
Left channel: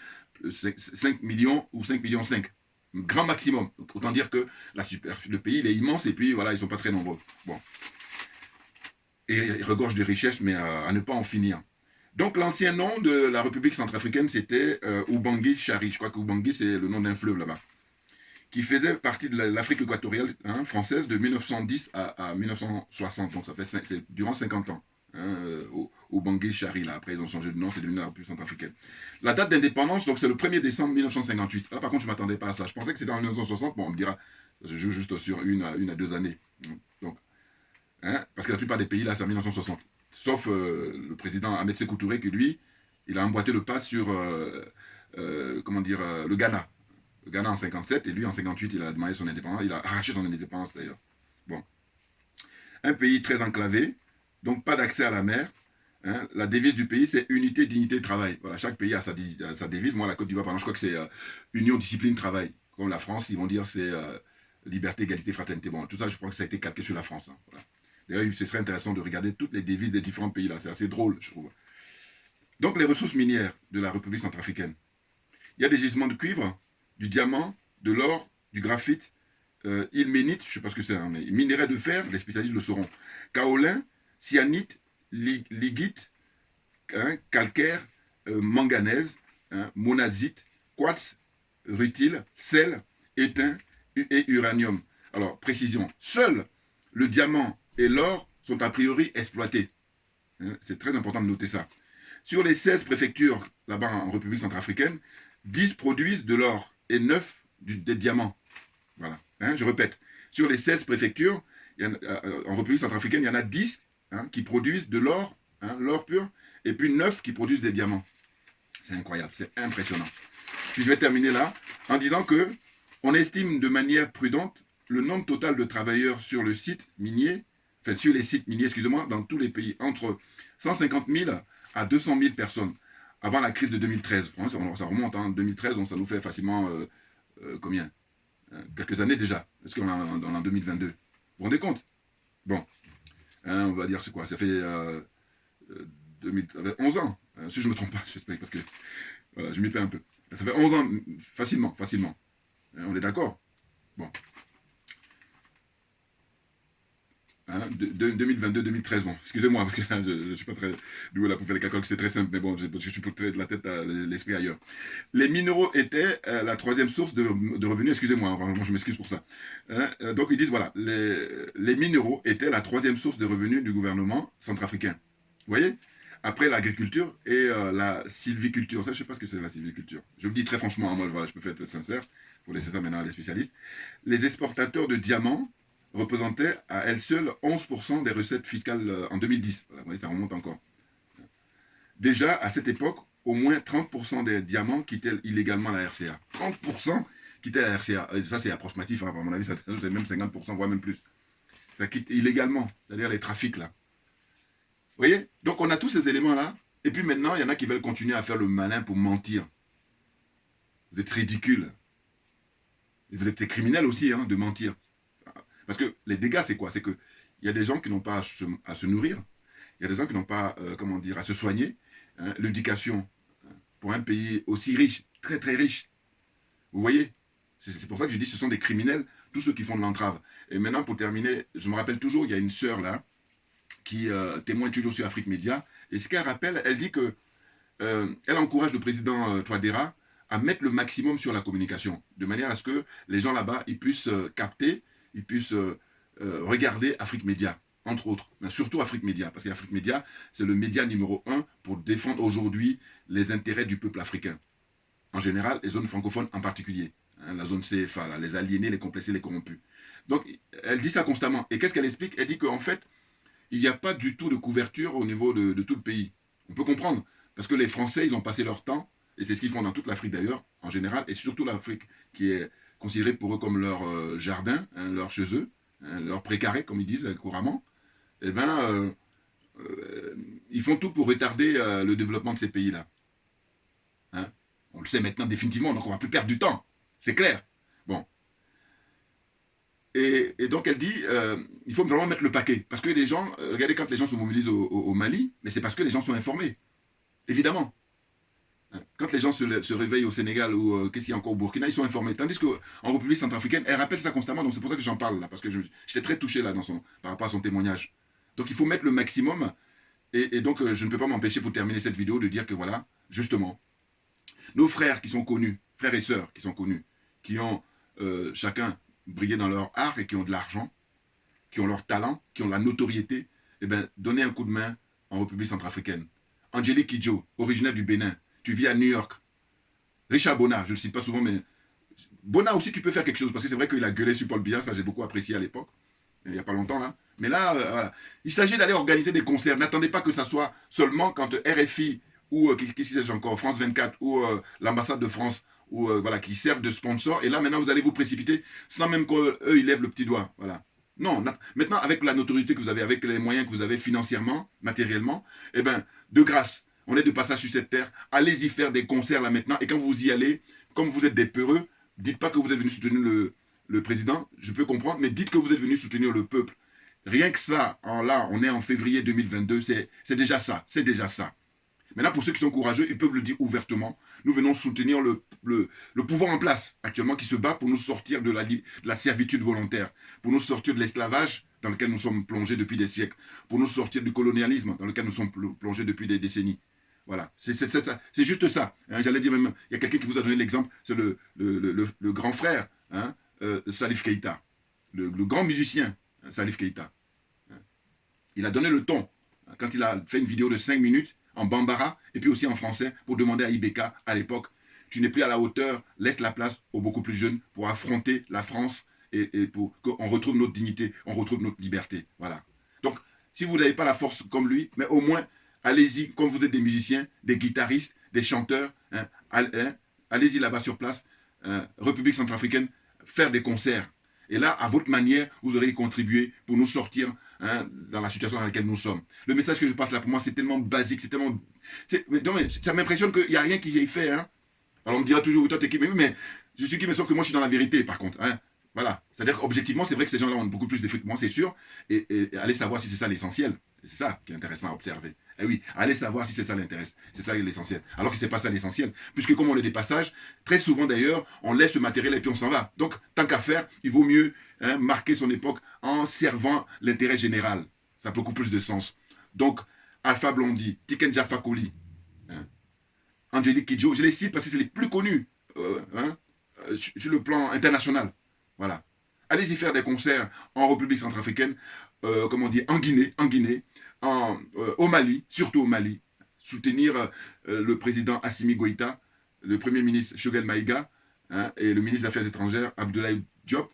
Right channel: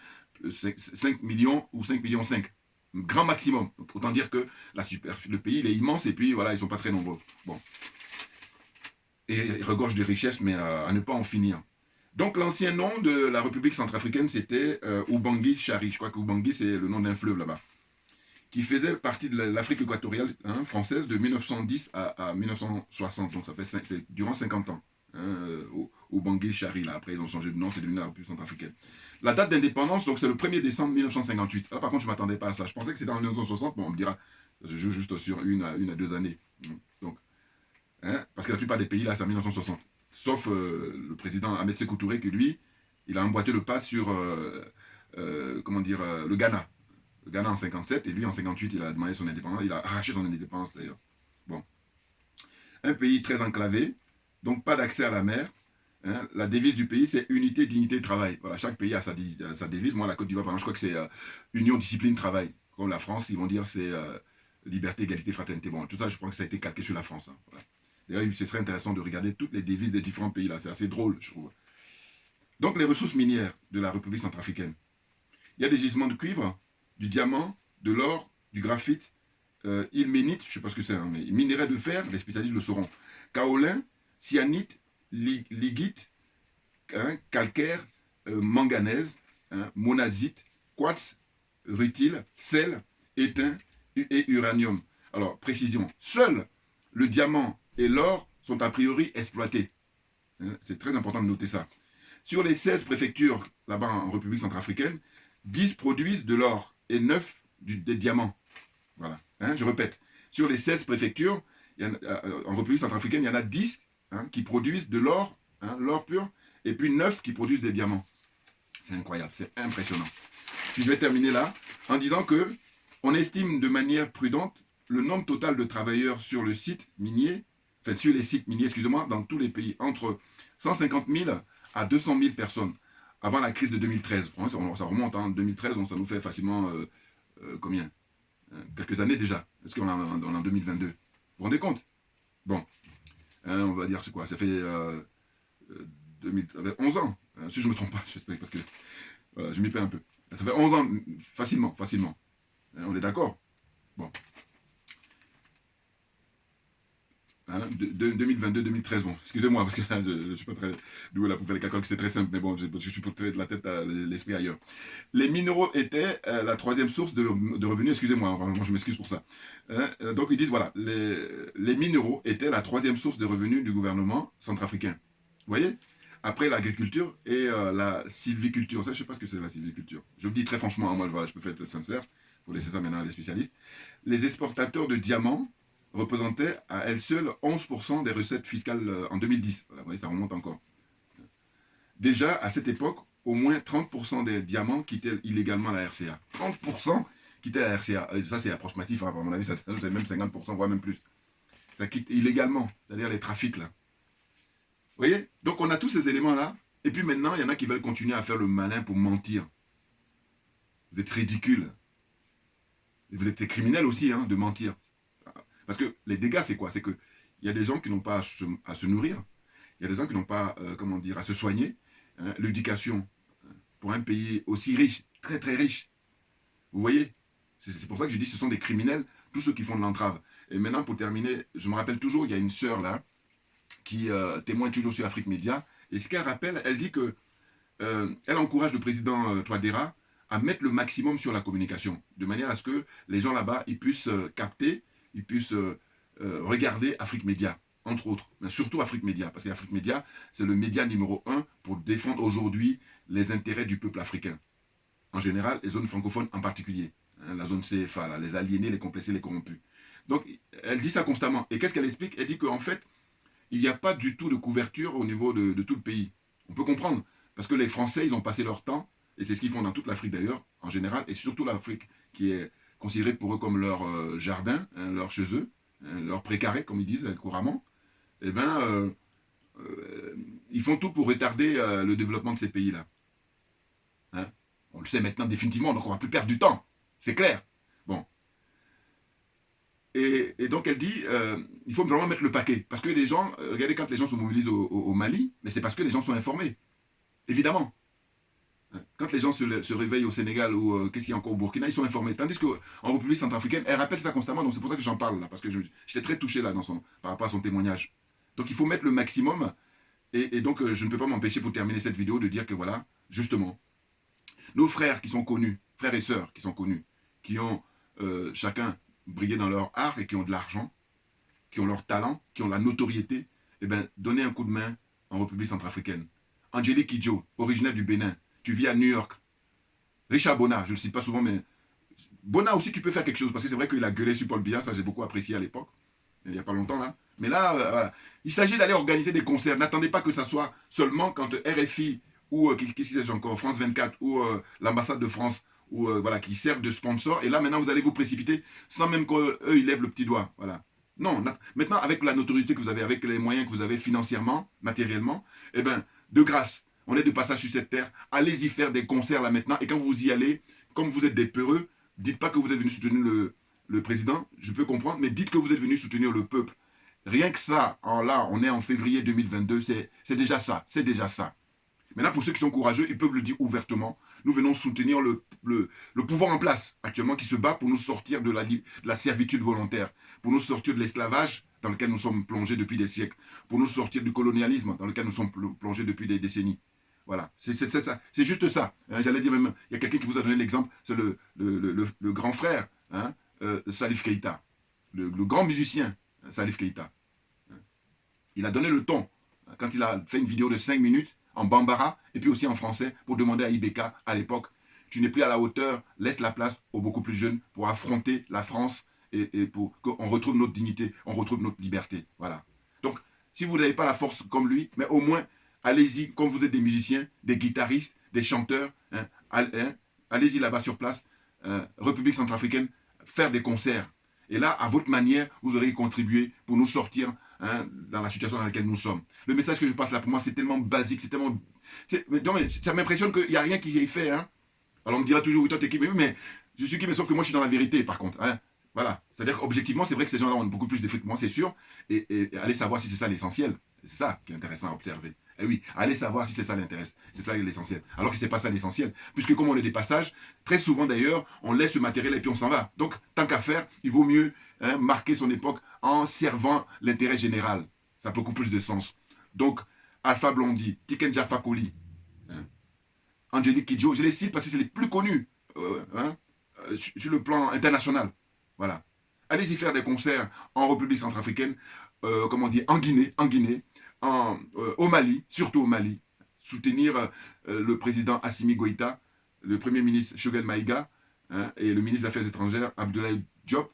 5 millions ou 5 millions 5. Grand maximum. Donc, autant dire que le pays, il est immense et puis, voilà, ils ne sont pas très nombreux. Bon. Et il regorge de richesses, mais à ne pas en finir. Donc, l'ancien nom de la République centrafricaine, c'était Ubangui Chari. Je crois que Ubangui, c'est le nom d'un fleuve là-bas. Qui faisait partie de l'Afrique équatoriale française de 1910 à 1960. Donc, ça fait durant 50 ans. Ubangui Chari, là. Après, ils ont changé de nom, c'est devenu la République centrafricaine. La date d'indépendance, donc c'est le 1er décembre 1958. Là, par contre, je ne m'attendais pas à ça. Je pensais que c'était en 1960. Bon, on me dira, je joue juste sur une à 2 années. Donc, parce que la plupart des pays, là, c'est en 1960. Sauf le président Ahmed Sékou Touré, qui lui, il a emboîté le pas sur, comment dire, le Ghana. Le Ghana en 57, et lui en 58, il a demandé son indépendance. Il a arraché son indépendance d'ailleurs. Bon. Un pays très enclavé, donc pas d'accès à la mer. Hein. La devise du pays, c'est unité, dignité, travail. Voilà, chaque pays a sa devise. Moi, la Côte d'Ivoire, par exemple, je crois que c'est union, discipline, travail. Comme la France, ils vont dire c'est liberté, égalité, fraternité. Bon, tout ça, je crois que ça a été calqué sur la France. Hein. Voilà. D'ailleurs, ce serait intéressant de regarder toutes les devises des différents pays là. C'est assez drôle, je trouve. Donc, les ressources minières de la République centrafricaine. Il y a des gisements de cuivre, du diamant, de l'or, du graphite, ilménite, je ne sais pas ce que c'est, hein, mais minerai de fer, les spécialistes le sauront. Kaolin, cyanite, ligite, hein, calcaire, manganèse, hein, monazite, quartz, rutile, sel, étain et uranium. Alors, précision, seul le diamant et l'or sont a priori exploités. Hein, c'est très important de noter ça. Sur les 16 préfectures là-bas en République centrafricaine, 10 produisent de l'or et 9 des diamants. Voilà. Hein, je répète, sur les 16 préfectures, en République centrafricaine, il y en a 10 hein, qui produisent de l'or, hein, l'or pur, et puis 9 qui produisent des diamants. C'est incroyable, c'est impressionnant. Puis je vais terminer là en disant que on estime de manière prudente le nombre total de travailleurs sur le site minier, enfin sur les sites miniers, excusez-moi, dans tous les pays, entre 150 000 à 200 000 personnes, avant la crise de 2013. Ça remonte en 2013, donc ça nous fait facilement combien quelques années déjà, parce qu'on est en 2022. Vous vous rendez compte? Bon, hein, on va dire c'est quoi? Ça fait 11 ans, hein, si je ne me trompe pas, j'espère, parce que voilà, je m'y perds un peu. Ça fait 11 ans, facilement. Hein, on est d'accord? Bon. Hein, 2022-2013, bon, excusez-moi, parce que là, je ne suis pas très doué là pour faire les calculs, c'est très simple, mais bon, je suis peut-être de la tête à l'esprit ailleurs. Les minéraux étaient la troisième source de revenus, excusez-moi, vraiment, je m'excuse pour ça. Hein, donc ils disent, voilà, les minéraux étaient la troisième source de revenus du gouvernement centrafricain. Vous voyez? Après l'agriculture et la sylviculture. Ça, je ne sais pas ce que c'est la sylviculture. Je vous dis très franchement, moi, voilà, je peux être sincère, pour laisser ça maintenant à les spécialistes. Les exportateurs de diamants représentaient à elles seules 11% des recettes fiscales en 2010. Voilà, vous voyez, ça remonte encore. déjà, à cette époque, au moins 30% des diamants quittaient illégalement la RCA. 30% quittaient la RCA. Et ça, c'est approximatif, hein, à mon avis, c'est même 50%, voire même plus. Ça quitte illégalement, c'est-à-dire les trafics, là. Vous voyez? Donc, on a tous ces éléments-là. Et puis maintenant, il y en a qui veulent continuer à faire le malin pour mentir. Vous êtes ridicules. Et vous êtes des criminels aussi, hein, de mentir. Parce que les dégâts, c'est quoi? C'est qu'il y a des gens qui n'ont pas à se nourrir. Il y a des gens qui n'ont pas, comment dire, à se soigner. Hein, l'éducation, pour un pays aussi riche, très très riche. Vous voyez? C'est pour ça que je dis que ce sont des criminels, tous ceux qui font de l'entrave. Et maintenant, pour terminer, je me rappelle toujours, il y a une sœur là, qui témoigne toujours sur Afrique Média. Et ce qu'elle rappelle, elle dit que elle encourage le président Touadéra à mettre le maximum sur la communication, de manière à ce que les gens là-bas, ils puissent capter, ils puissent regarder Afrique Média, entre autres. Mais surtout Afrique Média, parce qu'Afrique Média, c'est le média numéro 1 pour défendre aujourd'hui les intérêts du peuple africain. En général, les zones francophones en particulier. Hein, la zone CFA, là, les aliénés, les complexés, les corrompus. Donc, elle dit ça constamment. Et qu'est-ce qu'elle explique? Elle dit qu'en fait, il n'y a pas du tout de couverture au niveau de tout le pays. On peut comprendre, parce que les Français, ils ont passé leur temps, et c'est ce qu'ils font dans toute l'Afrique d'ailleurs, en général, et surtout l'Afrique qui est considérée pour eux comme leur jardin, hein, leur chez eux, hein, leur précaré, comme ils disent couramment, eh bien, ils font tout pour retarder le développement de ces pays-là. Hein? On le sait maintenant définitivement, donc on ne va plus perdre du temps, c'est clair. Bon. Et donc elle dit, il faut vraiment mettre le paquet. Parce que les gens, regardez quand les gens se mobilisent au Mali, mais c'est parce que les gens sont informés. Évidemment. Quand les gens se réveillent au Sénégal ou qu'est-ce qu'il y a encore au Burkina, ils sont informés. Tandis qu'en République centrafricaine, elle rappelle ça constamment, donc c'est pour ça que j'en parle là, parce que j'étais très touché là par rapport à son témoignage. Donc il faut mettre le maximum, et donc je ne peux pas m'empêcher pour terminer cette vidéo de dire que voilà, justement, nos frères qui sont connus, frères et sœurs qui sont connus, qui ont chacun brillé dans leur art et qui ont de l'argent, qui ont leur talent, qui ont la notoriété, eh bien, donnez un coup de main en République centrafricaine. Angélique Kidjo, originaire du Bénin, tu vis à New York. Richard Bona, je ne le cite pas souvent, mais Bona aussi, tu peux faire quelque chose, parce que c'est vrai qu'il a gueulé sur Paul Biya, ça j'ai beaucoup apprécié à l'époque, il n'y a pas longtemps là. Mais là, voilà. Il s'agit d'aller organiser des concerts. N'attendez pas que ça soit seulement quand RFI ou qu'est-ce que c'est encore, France 24 ou l'ambassade de France ou voilà, qui servent de sponsor. Et là, maintenant, vous allez vous précipiter sans même qu'eux, ils lèvent le petit doigt. Voilà. Non, maintenant, avec la notoriété que vous avez, avec les moyens que vous avez financièrement, matériellement, eh bien, de grâce, on est de passage sur cette terre. Allez-y faire des concerts là maintenant. Et quand vous y allez, comme vous êtes des peureux, dites pas que vous êtes venu soutenir le président, je peux comprendre, mais dites que vous êtes venu soutenir le peuple. Rien que ça, là, on est en février 2022, c'est déjà ça, c'est déjà ça. Maintenant, pour ceux qui sont courageux, ils peuvent le dire ouvertement. Nous venons soutenir le pouvoir en place actuellement qui se bat pour nous sortir de la servitude volontaire, pour nous sortir de l'esclavage dans lequel nous sommes plongés depuis des siècles, pour nous sortir du colonialisme dans lequel nous sommes plongés depuis des décennies. Voilà, c'est juste ça. Hein, j'allais dire même, il y a quelqu'un qui vous a donné l'exemple, c'est le grand frère, hein, Salif Keïta, le grand musicien, Salif Keïta. Il a donné le ton quand il a fait une vidéo de 5 minutes en bambara et puis aussi en français pour demander à Ibeka à l'époque, tu n'es plus à la hauteur, laisse la place aux beaucoup plus jeunes pour affronter la France et pour qu'on retrouve notre dignité, on retrouve notre liberté. Voilà. Donc, si vous n'avez pas la force comme lui, mais au moins, allez-y, comme vous êtes des musiciens, des guitaristes, des chanteurs, hein, allez-y là-bas sur place, République centrafricaine, faire des concerts. Et là, à votre manière, vous aurez contribué pour nous sortir dans la situation dans laquelle nous sommes. Le message que je passe là pour moi, c'est tellement basique, c'est tellement... ça m'impressionne qu'il n'y a rien qui est fait. Hein. Alors on me dira toujours, oui, toi t'es qui? Mais oui, mais je suis qui? Mais sauf que moi je suis dans la vérité par contre. Hein. Voilà. C'est-à-dire qu'objectivement, c'est vrai que ces gens-là ont beaucoup plus d'effets que moi, c'est sûr. Et allez savoir si c'est ça l'essentiel. C'est ça qui est intéressant à observer. Et oui, allez savoir si c'est ça l'intéresse. C'est ça l'essentiel. Alors que c'est pas ça l'essentiel. Puisque comme on est des passages, très souvent d'ailleurs, on laisse le matériel et puis on s'en va. Donc, tant qu'à faire, il vaut mieux marquer son époque en servant l'intérêt général. Ça a beaucoup plus de sens. Donc, Alpha Blondy, Tiken Jah Fakoly, Angélique Kidjo, je les cite parce que c'est les plus connus sur le plan international. Voilà. Allez-y faire des concerts en République centrafricaine, comment dire, en Guinée, au Mali, surtout au Mali. Soutenir le président Assimi Goïta, le premier ministre Choguel Maïga, et le ministre des Affaires étrangères Abdoulaye Diop.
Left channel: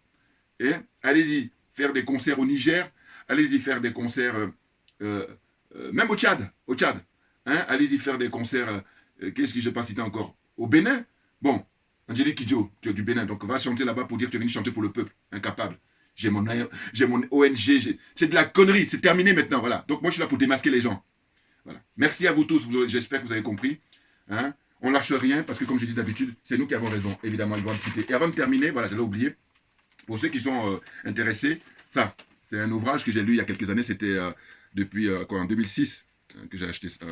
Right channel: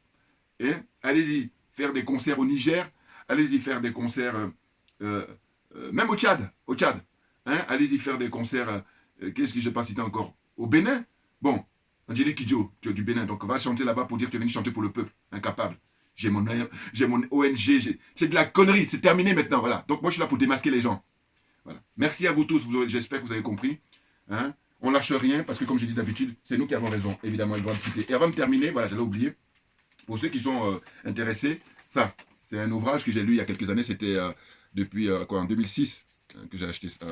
Et allez-y faire des concerts au Niger, allez-y faire des concerts même au Tchad. Hein, allez-y faire des concerts. Qu'est-ce que je n'ai pas cité encore? Au Bénin. Bon, Angélique Kidjo, tu es du Bénin, donc va chanter là-bas pour dire que tu es venu chanter pour le peuple. Incapable. J'ai mon ONG. C'est de la connerie. C'est terminé maintenant. Voilà. Donc moi, je suis là pour démasquer les gens. Voilà. Merci à vous tous. J'espère que vous avez compris. Hein? On lâche rien parce que, comme je dis d'habitude, c'est nous qui avons raison. Évidemment, ils vont le citer. Et avant de terminer, voilà, j'allais oublier. Pour ceux qui sont intéressés, ça, c'est un ouvrage que j'ai lu il y a quelques années. C'était depuis en 2006 que j'ai acheté ça.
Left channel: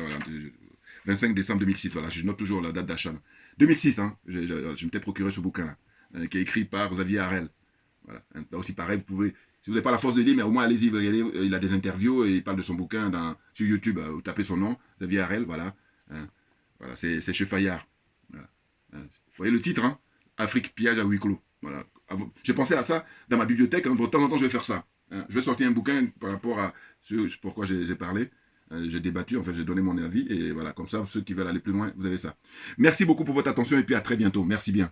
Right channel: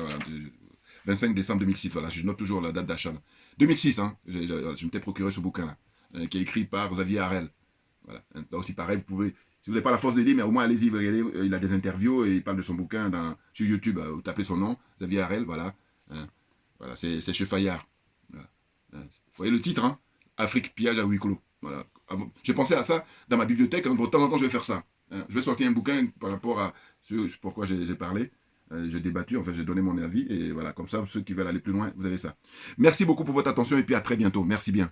25 décembre 2006. Voilà, je note toujours la date d'achat. 2006, hein, je m'étais procuré ce bouquin-là, qui est écrit par Xavier Harel. Voilà. Là aussi, pareil, vous pouvez, si vous n'avez pas la force de lire, mais au moins allez-y, regardez, il a des interviews et il parle de son bouquin sur YouTube. Vous tapez son nom, Xavier Harel, voilà. Hein, voilà, c'est chez Fayard. Voilà. Hein, vous voyez le titre, hein, Afrique, pillage à huis clos. Voilà. J'ai pensé à ça dans ma bibliothèque, hein, de temps en temps je vais faire ça. Hein. Je vais sortir un bouquin par rapport à pourquoi j'ai parlé. J'ai débattu, en fait, j'ai donné mon avis, et voilà, comme ça, ceux qui veulent aller plus loin, vous avez ça. Merci beaucoup pour votre attention, et puis à très bientôt. Merci bien.